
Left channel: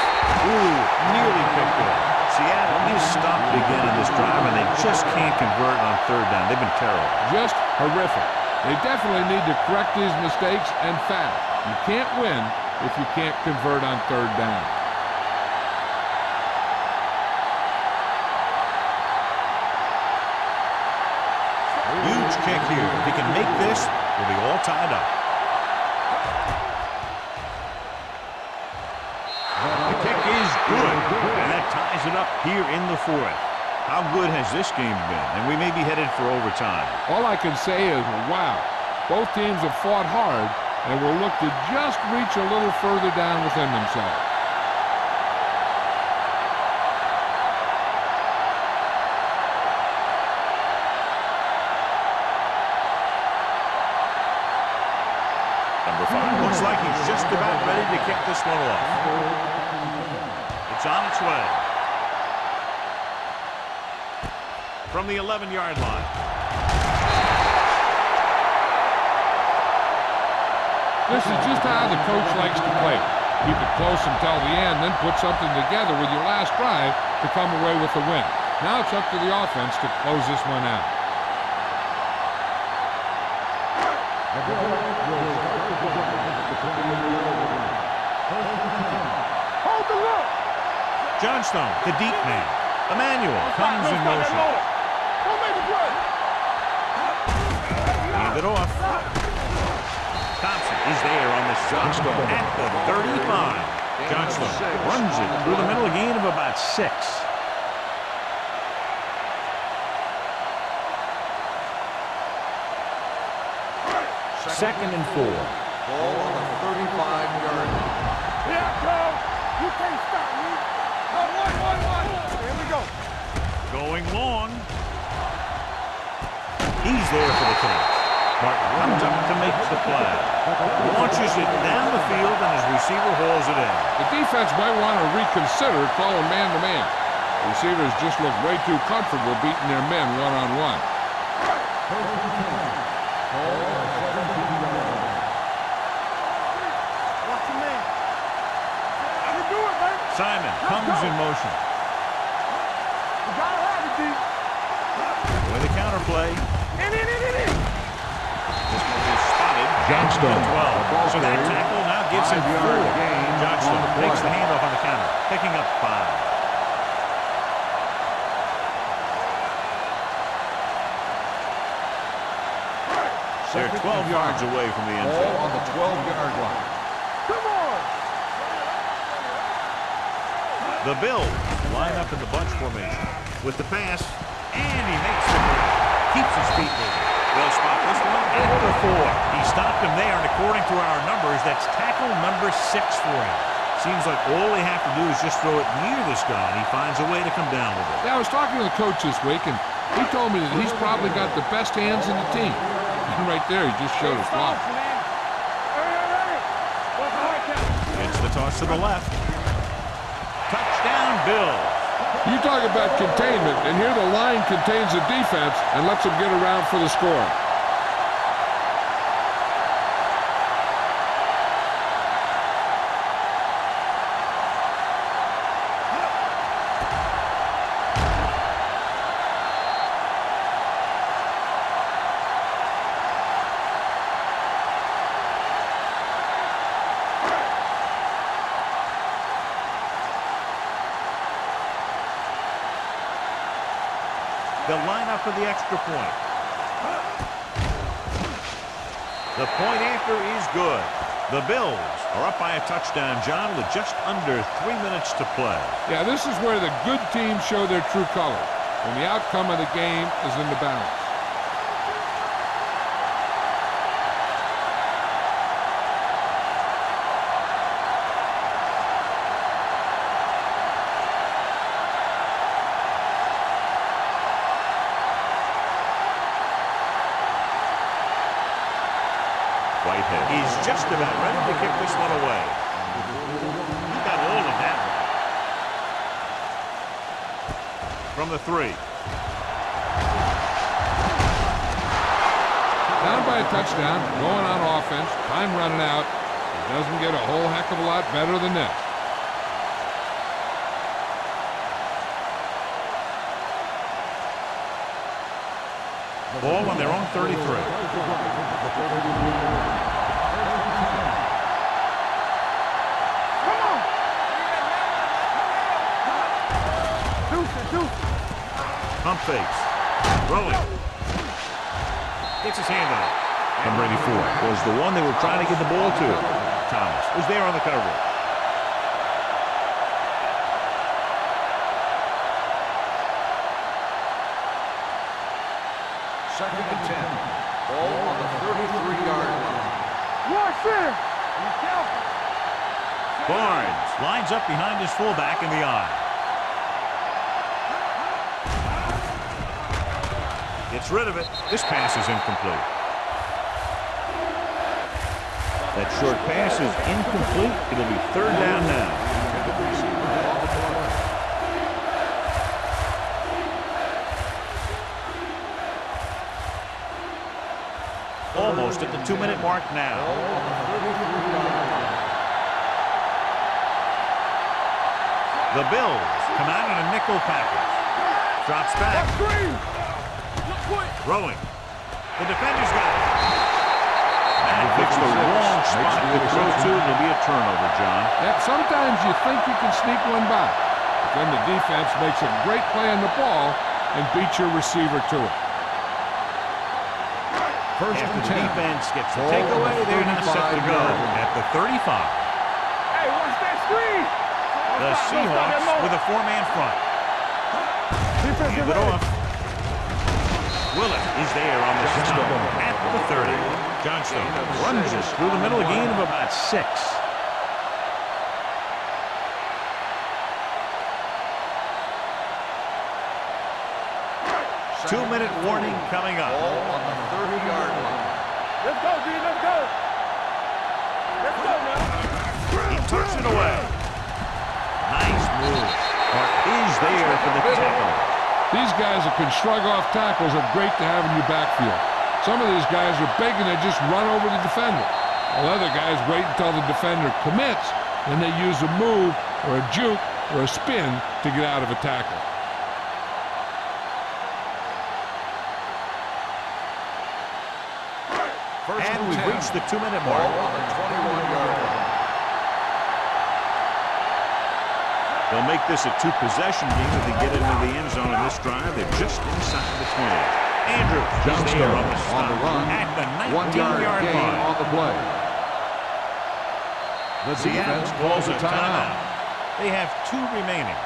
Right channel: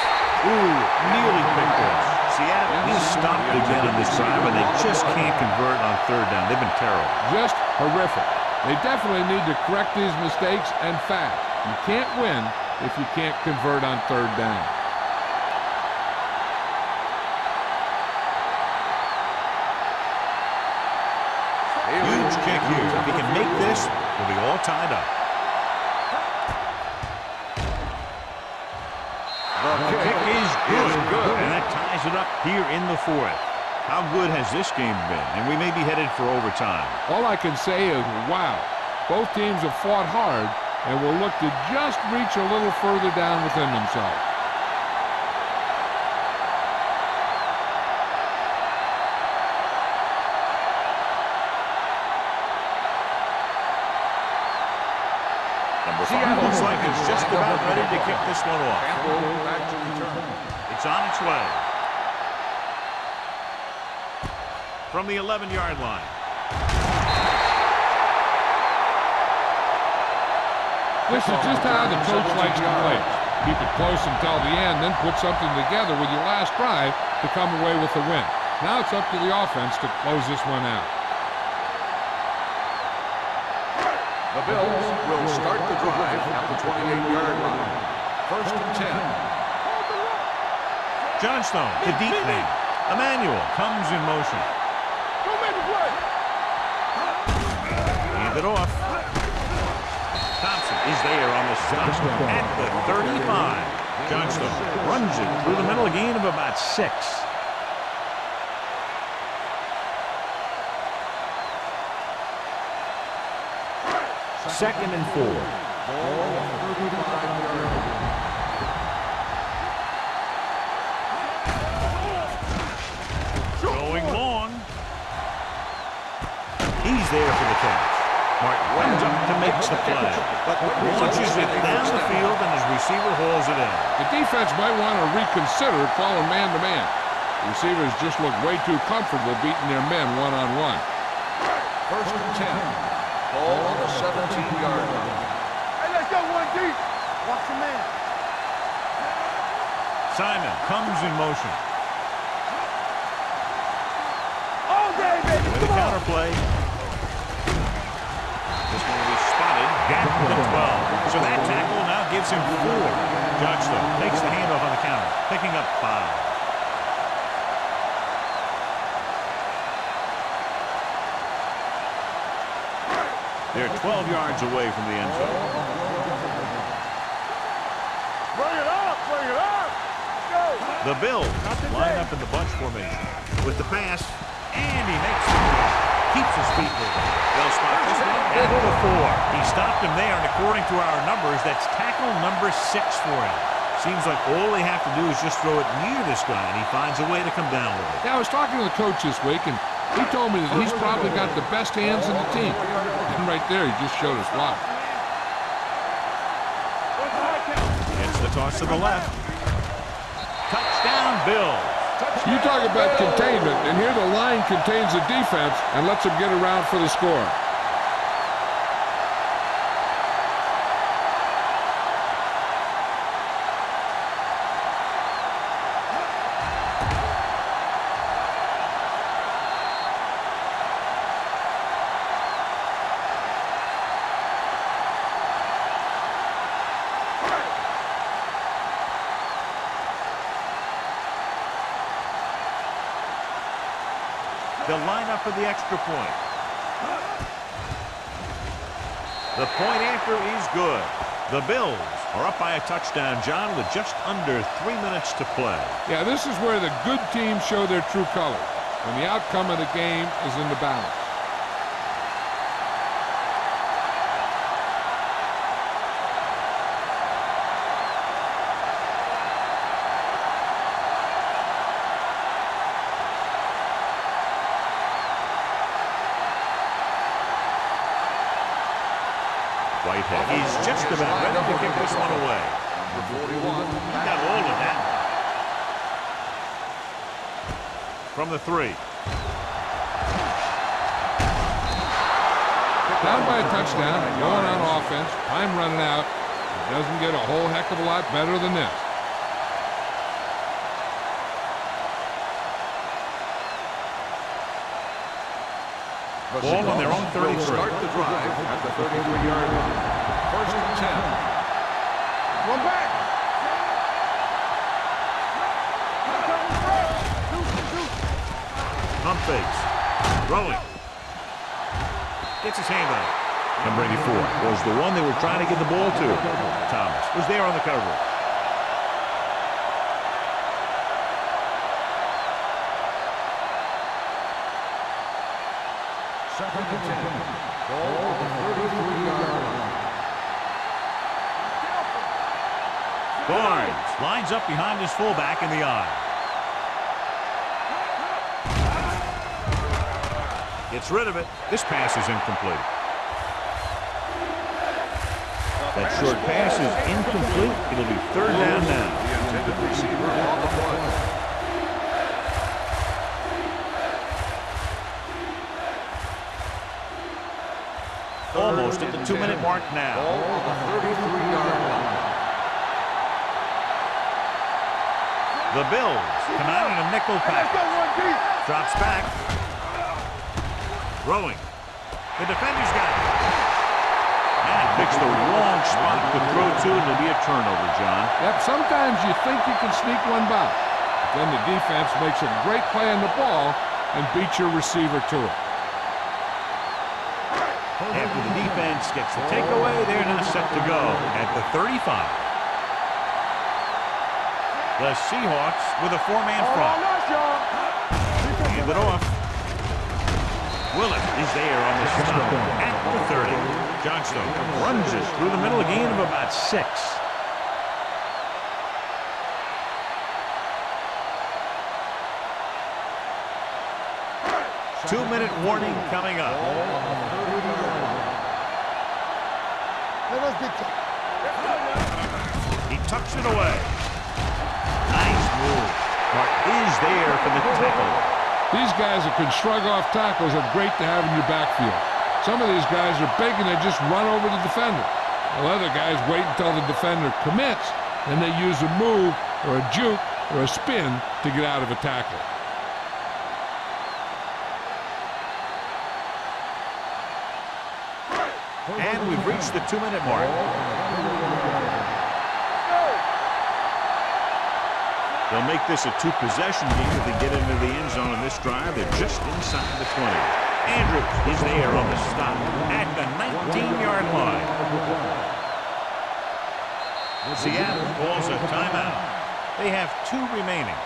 nearly picked off. Seattle is stopped again on this drive, and they just can't convert on third down. They've been terrible. Just horrific. They definitely need to correct these mistakes and fast. You can't win if you can't convert on third down. Huge kick here. If he can make this, we'll be all tied up. The kick is good, and that ties it up here in the 4th. How good has this game been? And we may be headed for overtime. All I can say is, wow. Both teams have fought hard and will look to just reach a little further down within themselves. Number 5 looks like he's just about ready to kick this one off. It's on its way. From the 11-yard line. This is just how the coach likes to play it. Keep it close until the end, then put something together with your last drive to come away with the win. Now it's up to the offense to close this one out. The Bills will start the drive at the 28-yard line. First and 10. Hold the look. Johnstone, the deep man. Emmanuel comes in motion. Don't make a play. Hand it off. Thompson is there on the stop at the 35. Johnstone runs it through the middle, a gain of about 6. Second and 4. Ball on the 35-yard line. Going long. He's there for the catch. Martin comes up to make the play. Launches it down the field, and his receiver hauls it in. The defense might want to reconsider calling man-to-man. The receivers just look way too comfortable beating their men one-on-one. First and 10. Ball on the 17-yard line. Hey, let's go one deep. Watch your man. Simon comes in motion. You gotta have it deep. With a counter play. This one will be spotted at the 12. So that tackle now gives him 4. Johnstone takes the handoff on the counter, picking up 5. They're 12 yards away from the end Ball zone. on the 12-yard line. Come on. Bring it up. Go. The Bills line up in the bunch formation with the pass, and he makes the grab. Keeps his feet moving. They'll spot this one at the 4. He stopped him there, and according to our numbers, that's tackle number 6 for him. Seems like all they have to do is just throw it near this guy, and he finds a way to come down with it. Yeah, I was talking to the coach this week, and he told me that he's probably got the best hands in the team. And right there, he just showed us why. toss to the left. Touchdown, Bills. You talk about containment, and here the line contains the defense and lets them get around for the score. They'll line up for the extra point. The point after is good. The Bills are up by a touchdown, John, with just under 3 minutes to play. Yeah, this is where the good teams show their true colors, when the outcome of the game is in the balance. Whitehead. He's just about ready to kick this one away. He got all of that one. From the 3. Down by a touchdown, going on offense, time running out. It doesn't get a whole heck of a lot better than this. Ball on their own 33. Start the drive at the 33-yard line. First and 10. Go back. Come on. Deuce. Pump fakes. Throwing. Gets his hand on it. Number 84 was the one they were trying to get the ball to. Thomas was there on the coverage. Second and 10. Ball on the 33-yard line. Watch in. Be careful. Barnes lines up behind his fullback in the eye. Gets rid of it. This pass is incomplete. That short pass is incomplete. It'll be third down now. The intended receiver on the play. Almost at the 2-minute mark now. Ball on the 33-yard line. The Bills come out in a nickel package. Drops back. Throwing. The defender's got it. Man picks the wrong spot to throw to, and it'll be a turnover, John. Yep, sometimes you think you can sneak one by, but then the defense makes a great play on the ball and beats your receiver to it. After the defense gets the takeaway, they're now set to go at the 35. Hey, watch that screen. The Seahawks with a 4-man front. Hand it off. Willett is there on the stop at the 30. Johnstone runs it through the middle, a gain of about 6. Two-minute warning coming up. Ball on the 30-yard line. Let's go, D. Let's go. Let's get you. Let's go now. He tucks it away. Nice move. Mark is there for the tackle. These guys that can shrug off tackles are great to have in your backfield. Some of these guys are big and they just run over the defender. While other guys wait until the defender commits, then they use a move or a juke or a spin to get out of a tackle. And we've reached the 2-minute mark. They'll make this a 2-possession game if they get into the end zone in this drive. They're just inside the 20. Andrews is there on the stop at the 19-yard line. Seattle calls a timeout. They have 2 remaining.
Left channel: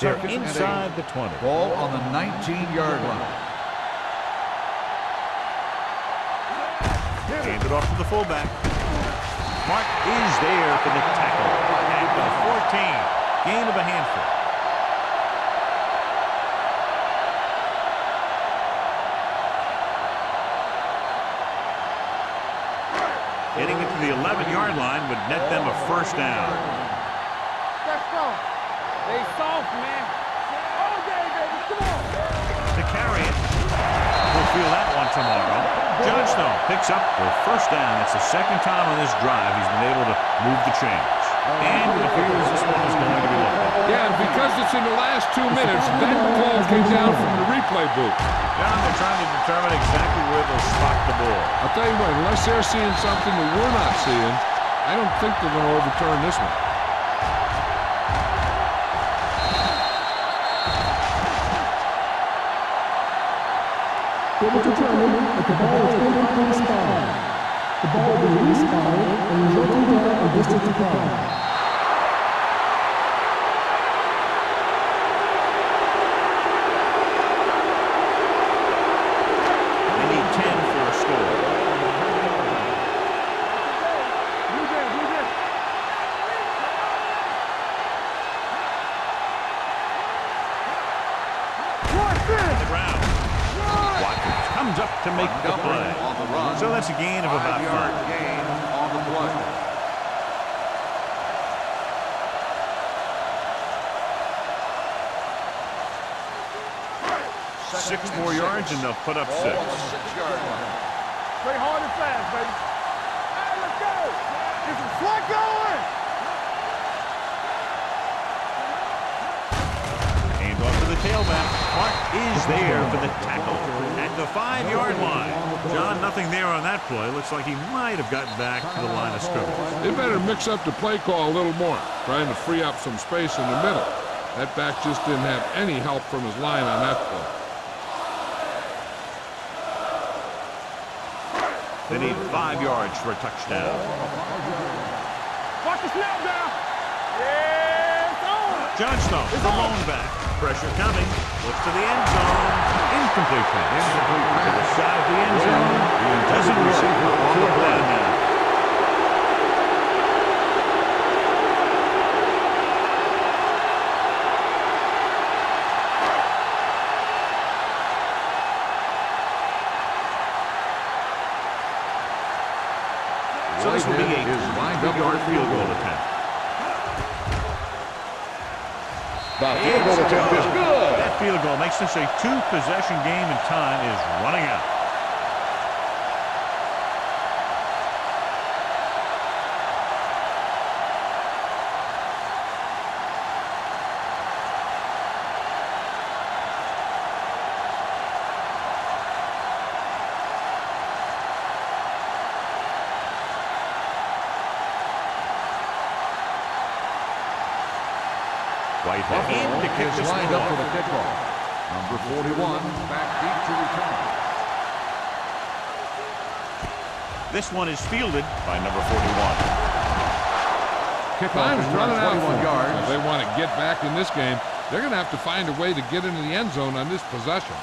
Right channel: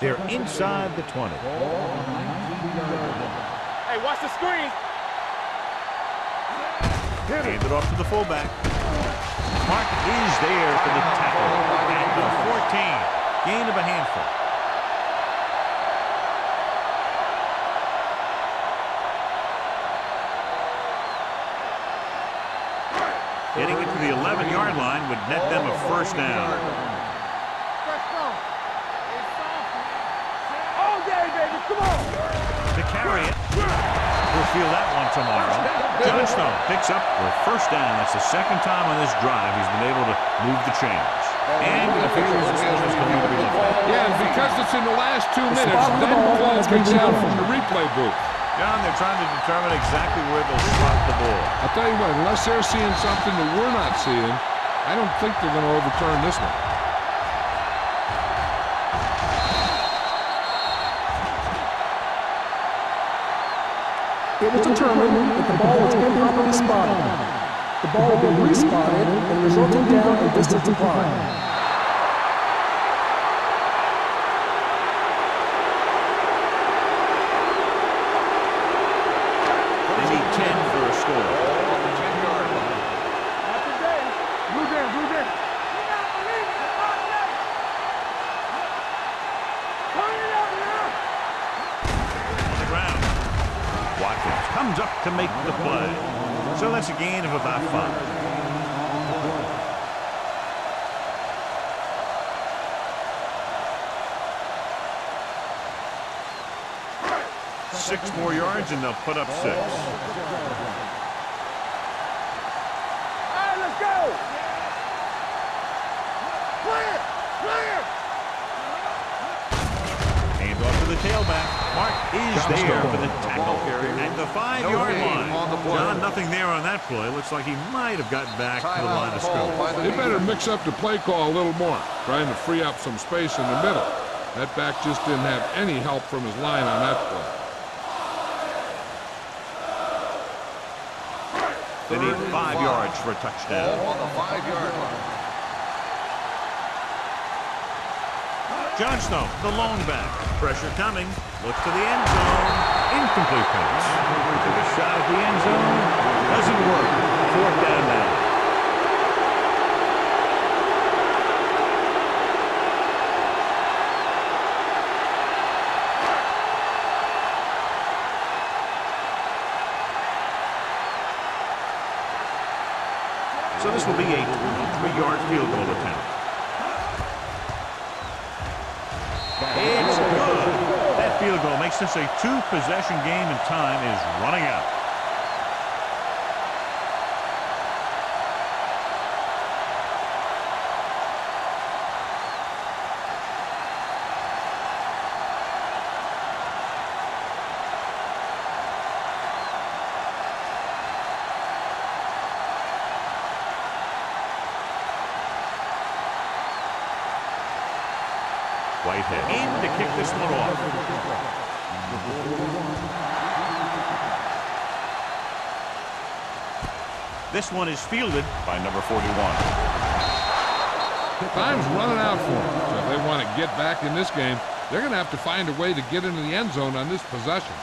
They're inside the 20. Ball on the 19-yard line. Hey, watch the screen. Hand it off to the fullback. Mark is there for the tackle at the 14. Gain of a handful. Getting it to the 11-yard line would net them a first down. Press strong. Stay soft, man. All day, baby. Come on. To carry it. He'll feel that one tomorrow. Johnstone picks up the first down. That's the second time on this drive he's been able to move the chains. And it appears this one is going to be looked at. Yeah, and because it's in the last 2 minutes, that call came down from the replay booth. John, they're trying to determine exactly where they'll spot the ball. I'll tell you what, unless they're seeing something that we're not seeing, I don't think they're going to overturn this one. It was determined that the ball was improperly spotted. The ball will be respotted and resulting down a distance applied. They need 10 for a score. Not today. Blue down, blue down. You got to believe it. It's all day. On the ground. Watkins comes up to make the play. So that's a gain of about 5. Gain on the play. Six more yards and they'll put up 6. 6 yard line. Play hard and fast, baby. All right, let's go. This is what going. Clear, clear. Hand off to the tailback. Mark is there for the tackle at the 5-yard line. John, nothing there on that play. Looks like he might have gotten back to the line of scrimmage. They better mix up the play call a little more, trying to free up some space in the middle. That back just didn't have any help from his line on that play. They need 5 yards for a touchdown. Watch the snap down. Yeah, Johnstone, the lone back. Pressure coming. Looks to the end zone. Incomplete pass. Took a shot at the end zone. Doesn't work. 4th down now. So this will be a 23-yard field goal attempt. It's good. That field goal makes this a 2-possession game and time is running out. Whitehead in to kick this one off. Number 41, backbeat to return. This one is fielded by number 41. Time's running out for them. So if they want to get back in this game, they're going to have to find a way to get into the end zone on this possession.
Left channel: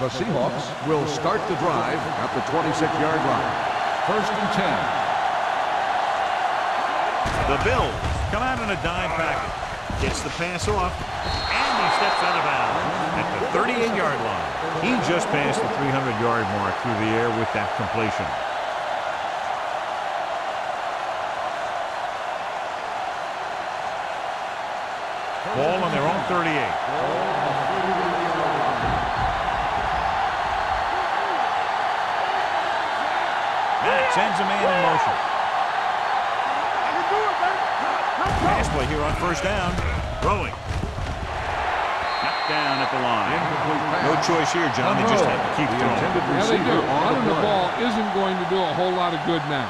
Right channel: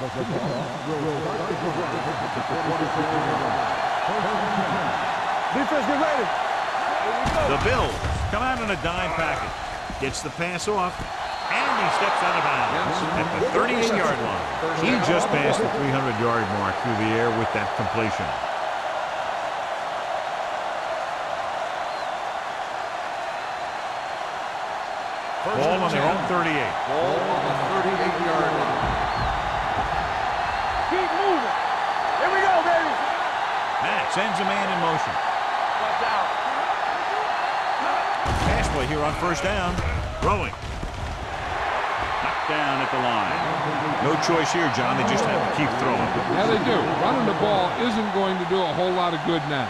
The Seahawks will start the drive at the 26-yard line. 1st and 10. Defense, get ready. The Bills come out in a dime package. Gets the pass off, and he steps out of bounds at the 38-yard line. He just passed the 300-yard mark through the air with that completion. Ball on their own 38. Ball on the 38-yard line. Keep moving. Here we go, baby. Matt sends a man in motion. Watch out. I can do it, baby. Pass play here on 1st down. Throwing. Knocked down at the line. No choice here, John. They just have to keep throwing. Yeah, they do. Running the ball isn't going to do a whole lot of good now.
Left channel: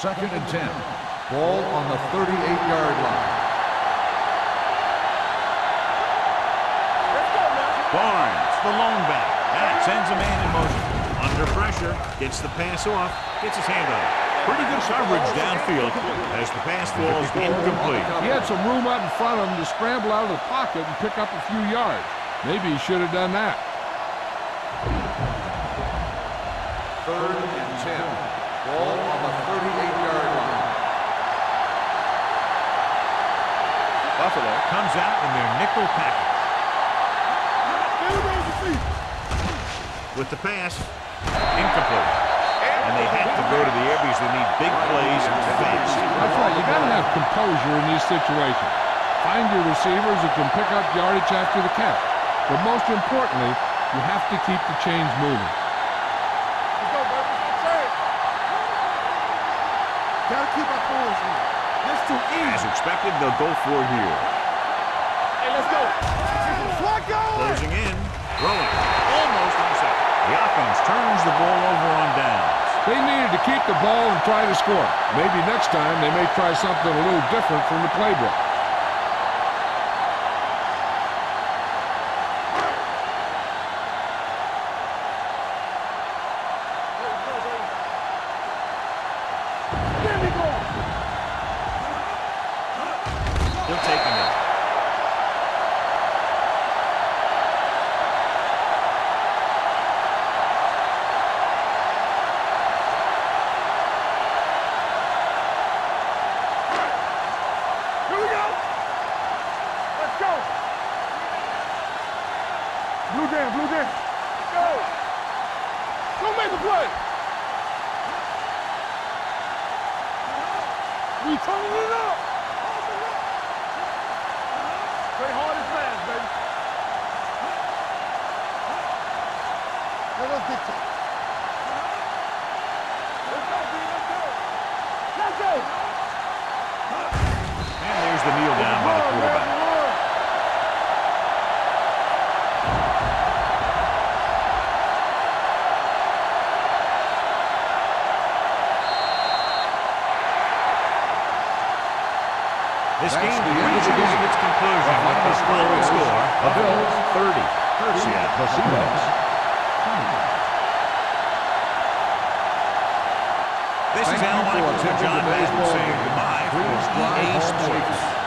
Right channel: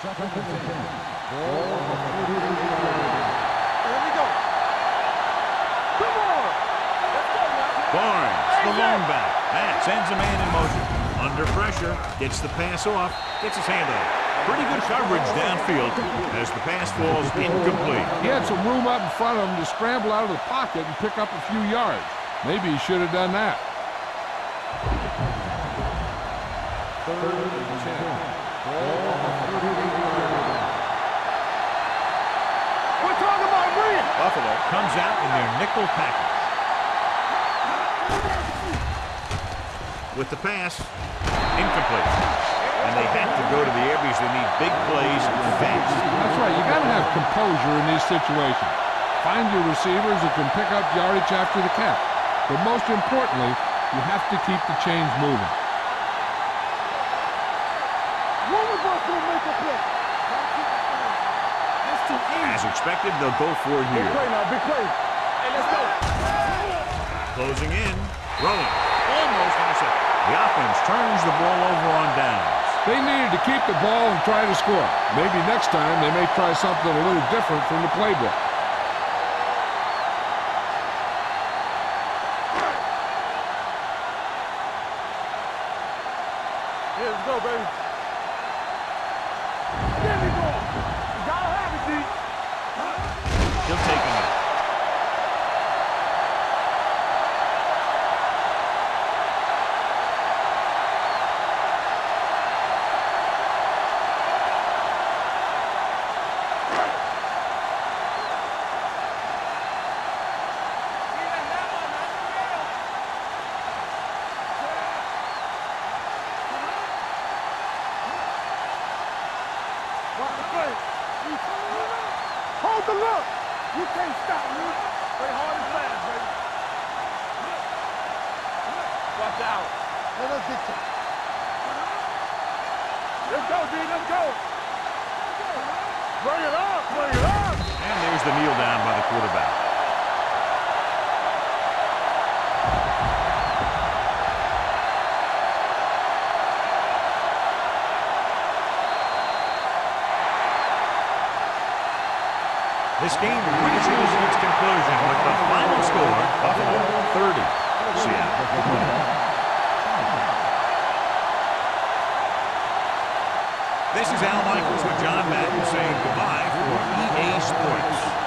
Second and 10. Ball on the 38-yard line. Let's go now. Barnes, the lone back. Matt sends a man in motion. Under pressure, gets the pass off, gets his hand out. Pretty good coverage downfield as the pass falls incomplete. He had some room up in front of him to scramble out of the pocket and pick up a few yards. Maybe he should have done that. 3rd and 10. Ball on the 38-yard line. Buffalo comes out in their nickel package. With the pass, incomplete. And they have to go to the air because they need big plays fast. That's right. You got to have composure in these situations. Find your receivers who can pick up yardage after the catch. But most importantly, you have to keep the chains moving. Gotta keep our forwards in. This too easy. As expected, they'll go for it here. Hey, let's go. Closing in, throwing, almost intercepted. The offense turns the ball over on downs. They needed to keep the ball and try to score. Maybe next time they may try something a little different from the playbook. Here we go, baby. There we go. He'll take a minute. Let's go. Blue game, blue game. Go make a play. We turning it up. Hold the look. You can't stop. Play hard and fast, baby. Let us dictate. Let's go, B. Let's go. Let's go. Bring it up. Bring it up. And there's the kneel down by the quarterback. This game reaches its conclusion with the final score, Buffalo 30, Seattle 20. This is Al Michaels with John Madden saying goodbye for EA Sports.